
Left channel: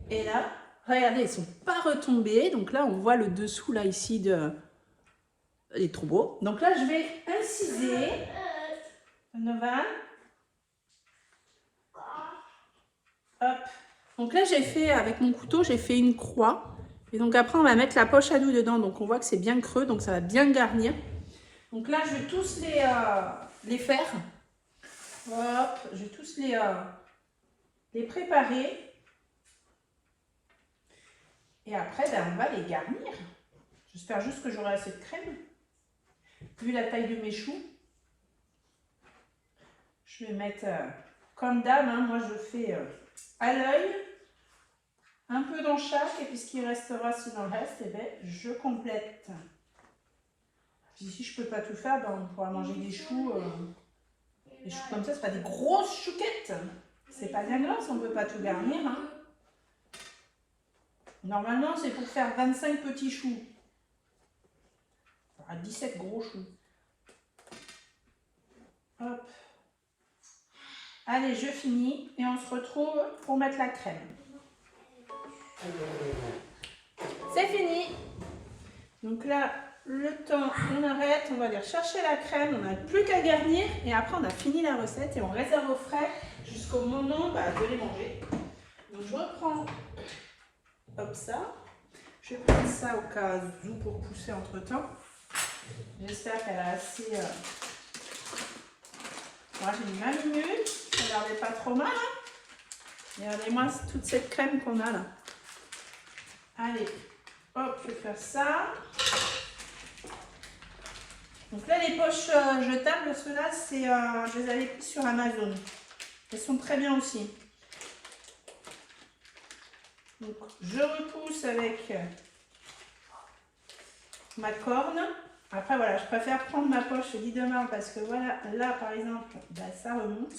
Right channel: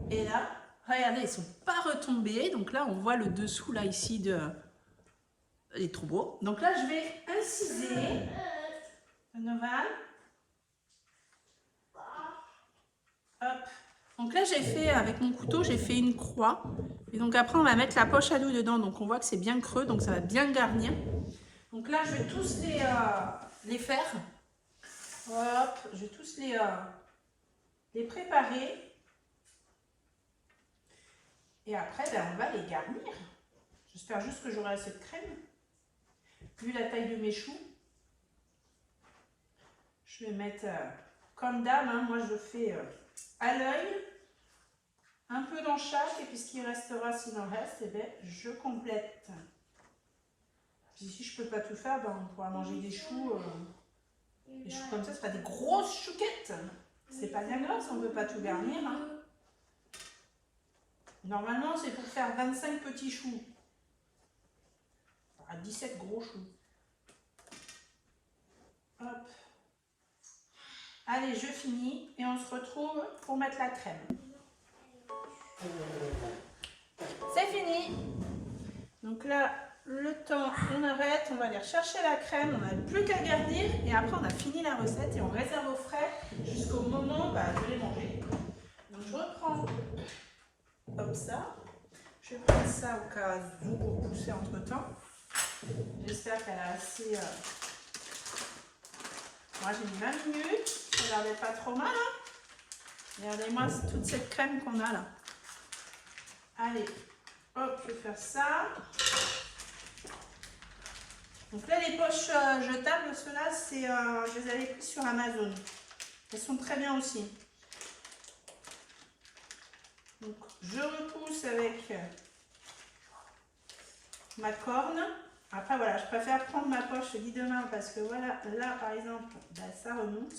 Et là, regardez, ils ne sont pas retombés. Donc là, on voit le dessous, là, ici, de... Il est trop beau. Donc là, je vais inciser. Novan. Hop. Donc là, j'ai fait, avec mon couteau, j'ai fait une croix. Et donc après, on va mettre la poche à doux dedans. Donc on voit que c'est bien creux, donc ça va bien garnir. Donc là, je vais tous les faire. Hop, je vais tous les préparer. Et après, ben, on va les garnir. J'espère juste que j'aurai assez de crème. Vu la taille de mes choux. Je vais mettre comme d'hab, hein, moi je fais à l'œil, un peu dans chaque, et puis ce qui restera, s'il en reste, eh ben, je complète. Puis si je ne peux pas tout faire, ben, on pourra manger des choux comme ça, ce sera des grosses chouquettes. C'est pas bien grave si on ne peut pas tout garnir. Hein. Normalement, c'est pour faire 25 petits choux. Enfin, 17 gros choux. Hop. Allez, je finis et on se retrouve pour mettre la crème. C'est fini. Donc là, le temps, on arrête, on va aller chercher la crème, on n'a plus qu'à garnir et après on a fini la recette et on réserve au frais jusqu'au moment de les manger. Donc je reprends hop ça. Je vais prendre ça au cas où pour pousser entre temps. J'espère qu'elle a assez... Moi j'ai mis 20 minutes, regardez pas trop mal. Hein. Regardez-moi toute cette crème qu'on a là. Allez, hop, je vais faire ça. Donc là les poches jetables, ceux-là, je les avais pris sur Amazon. Elles sont très bien aussi. Donc je repousse avec ma corne. Après voilà, je préfère prendre ma poche Guy de marbre parce que voilà, là par exemple, ben, ça remonte.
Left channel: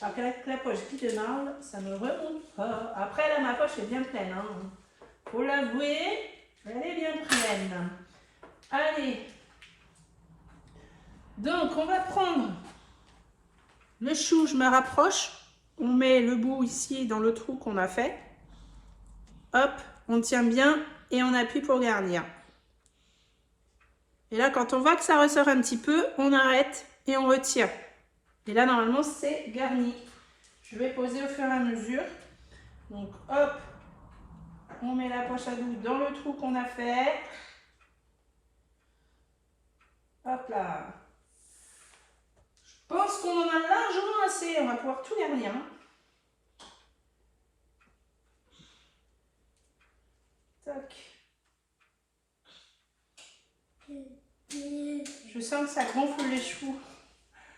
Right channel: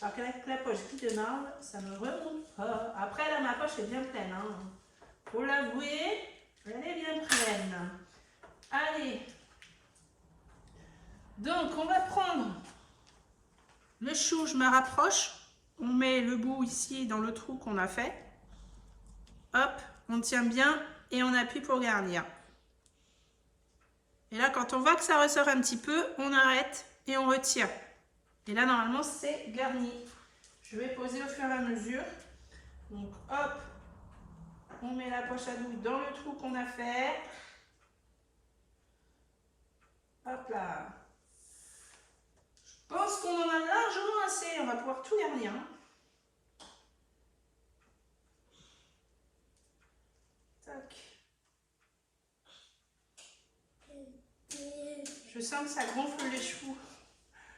Alors qu'avec la poche Guy de marbre, ça ne remonte pas. Après là, ma poche est bien pleine. Hein. Faut l'avouer, elle est bien pleine. Allez. Donc on va prendre le chou, je me rapproche. On met le bout ici dans le trou qu'on a fait. Hop, on tient bien et on appuie pour garnir. Et là, quand on voit que ça ressort un petit peu, on arrête et on retire. Et là, normalement, c'est garni. Je vais poser au fur et à mesure. Donc, hop, on met la poche à doux dans le trou qu'on a fait. Hop là. Je pense qu'on en a largement assez. On va pouvoir tout garnir. Hein. Tac. Je sens que ça gonfle les choux.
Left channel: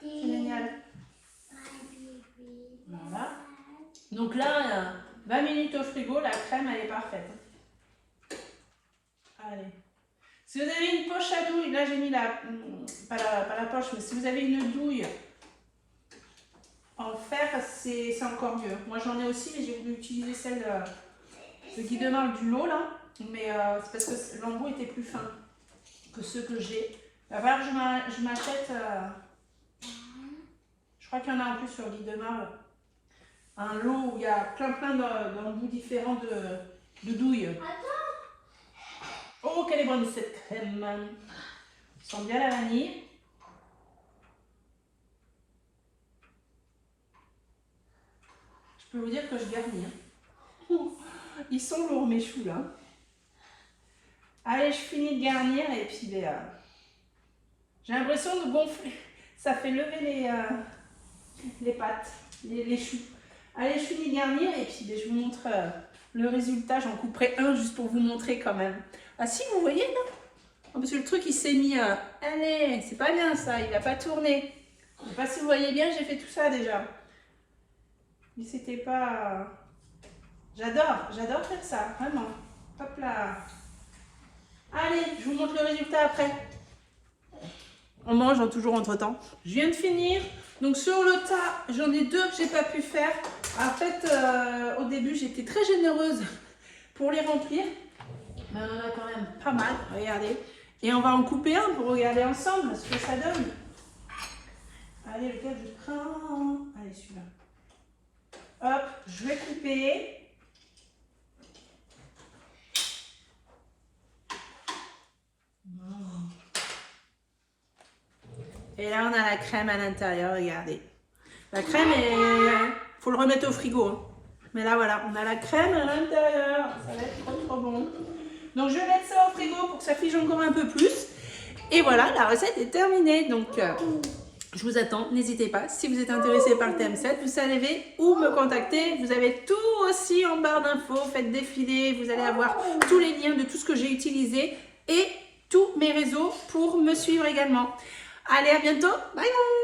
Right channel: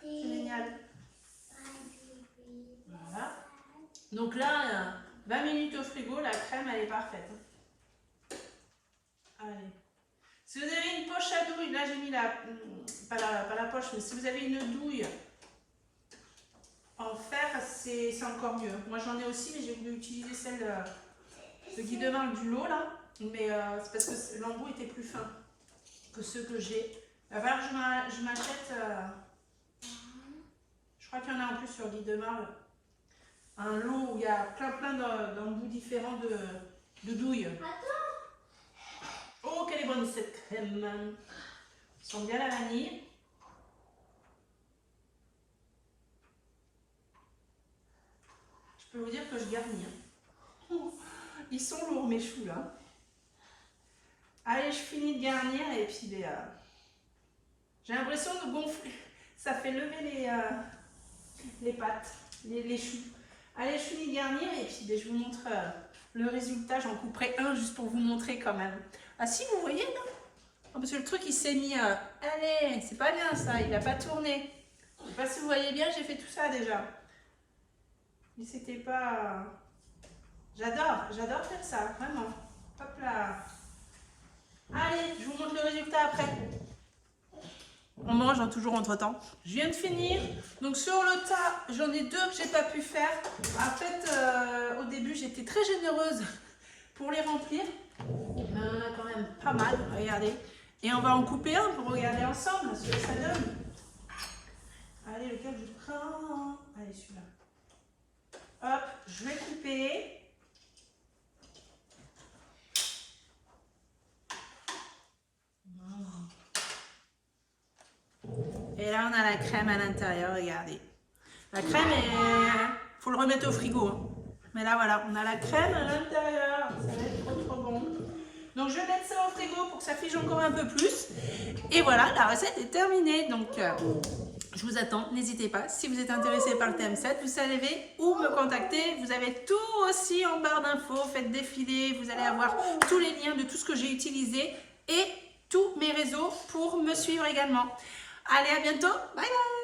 C'est génial. Voilà. Donc là, 20 minutes au frigo, la crème, elle est parfaite. Allez. Si vous avez une poche à douille, là j'ai mis pas la poche, mais si vous avez une douille en fer, c'est encore mieux. Moi j'en ai aussi, mais j'ai voulu utiliser celle de Guy de marbre du lot là. Mais c'est parce que l'embout était plus fin que ceux que j'ai. Il va falloir que je m'achète, je crois qu'il y en a en plus sur Guy de marbre, un lot où il y a plein d'embouts différents de douilles. Oh, quelle est bonne cette crème! Ça sent bien la vanille. Je peux vous dire que je garnis. Hein. Ils sont lourds mes choux là. Allez, je finis de garnir et puis j'ai l'impression de gonfler. Ça fait lever les pâtes, les choux. Allez, je finis de garnir et puis je vous montre le résultat. J'en couperai un juste pour vous montrer quand même. Ah si, vous voyez là? Oh, parce que le truc il s'est mis... allez, c'est pas bien ça, il n'a pas tourné. Je sais pas si vous voyez bien, j'ai fait tout ça déjà. Mais c'était pas... J'adore faire ça, vraiment. Hop là. Allez, je vous montre le résultat après. on mange toujours entre temps. Je viens de finir. Donc sur le tas, j'en ai 2 que j'ai pas pu faire. En fait, au début, j'étais très généreuse pour les remplir. Mais on en a quand même pas mal, regardez. Et on va en couper un pour regarder ensemble ce que ça donne. Allez, lequel je prends? Allez, celui-là. Hop, je vais couper. Et là, on a la crème à l'intérieur, regardez. La crème, il faut le remettre au frigo. Hein. Mais là, voilà, on a la crème à l'intérieur. Ça va être trop, trop bon. Donc, je vais mettre ça au frigo pour que ça fige encore un peu plus. Et voilà, la recette est terminée. Donc, je vous attends. N'hésitez pas. Si vous êtes intéressé par le TM7, vous savez où me contacter. Vous avez tout aussi en barre d'infos. Faites défiler. Vous allez avoir tous les liens de tout ce que j'ai utilisé et tous mes réseaux pour me suivre également. Allez, à bientôt. Bye bye.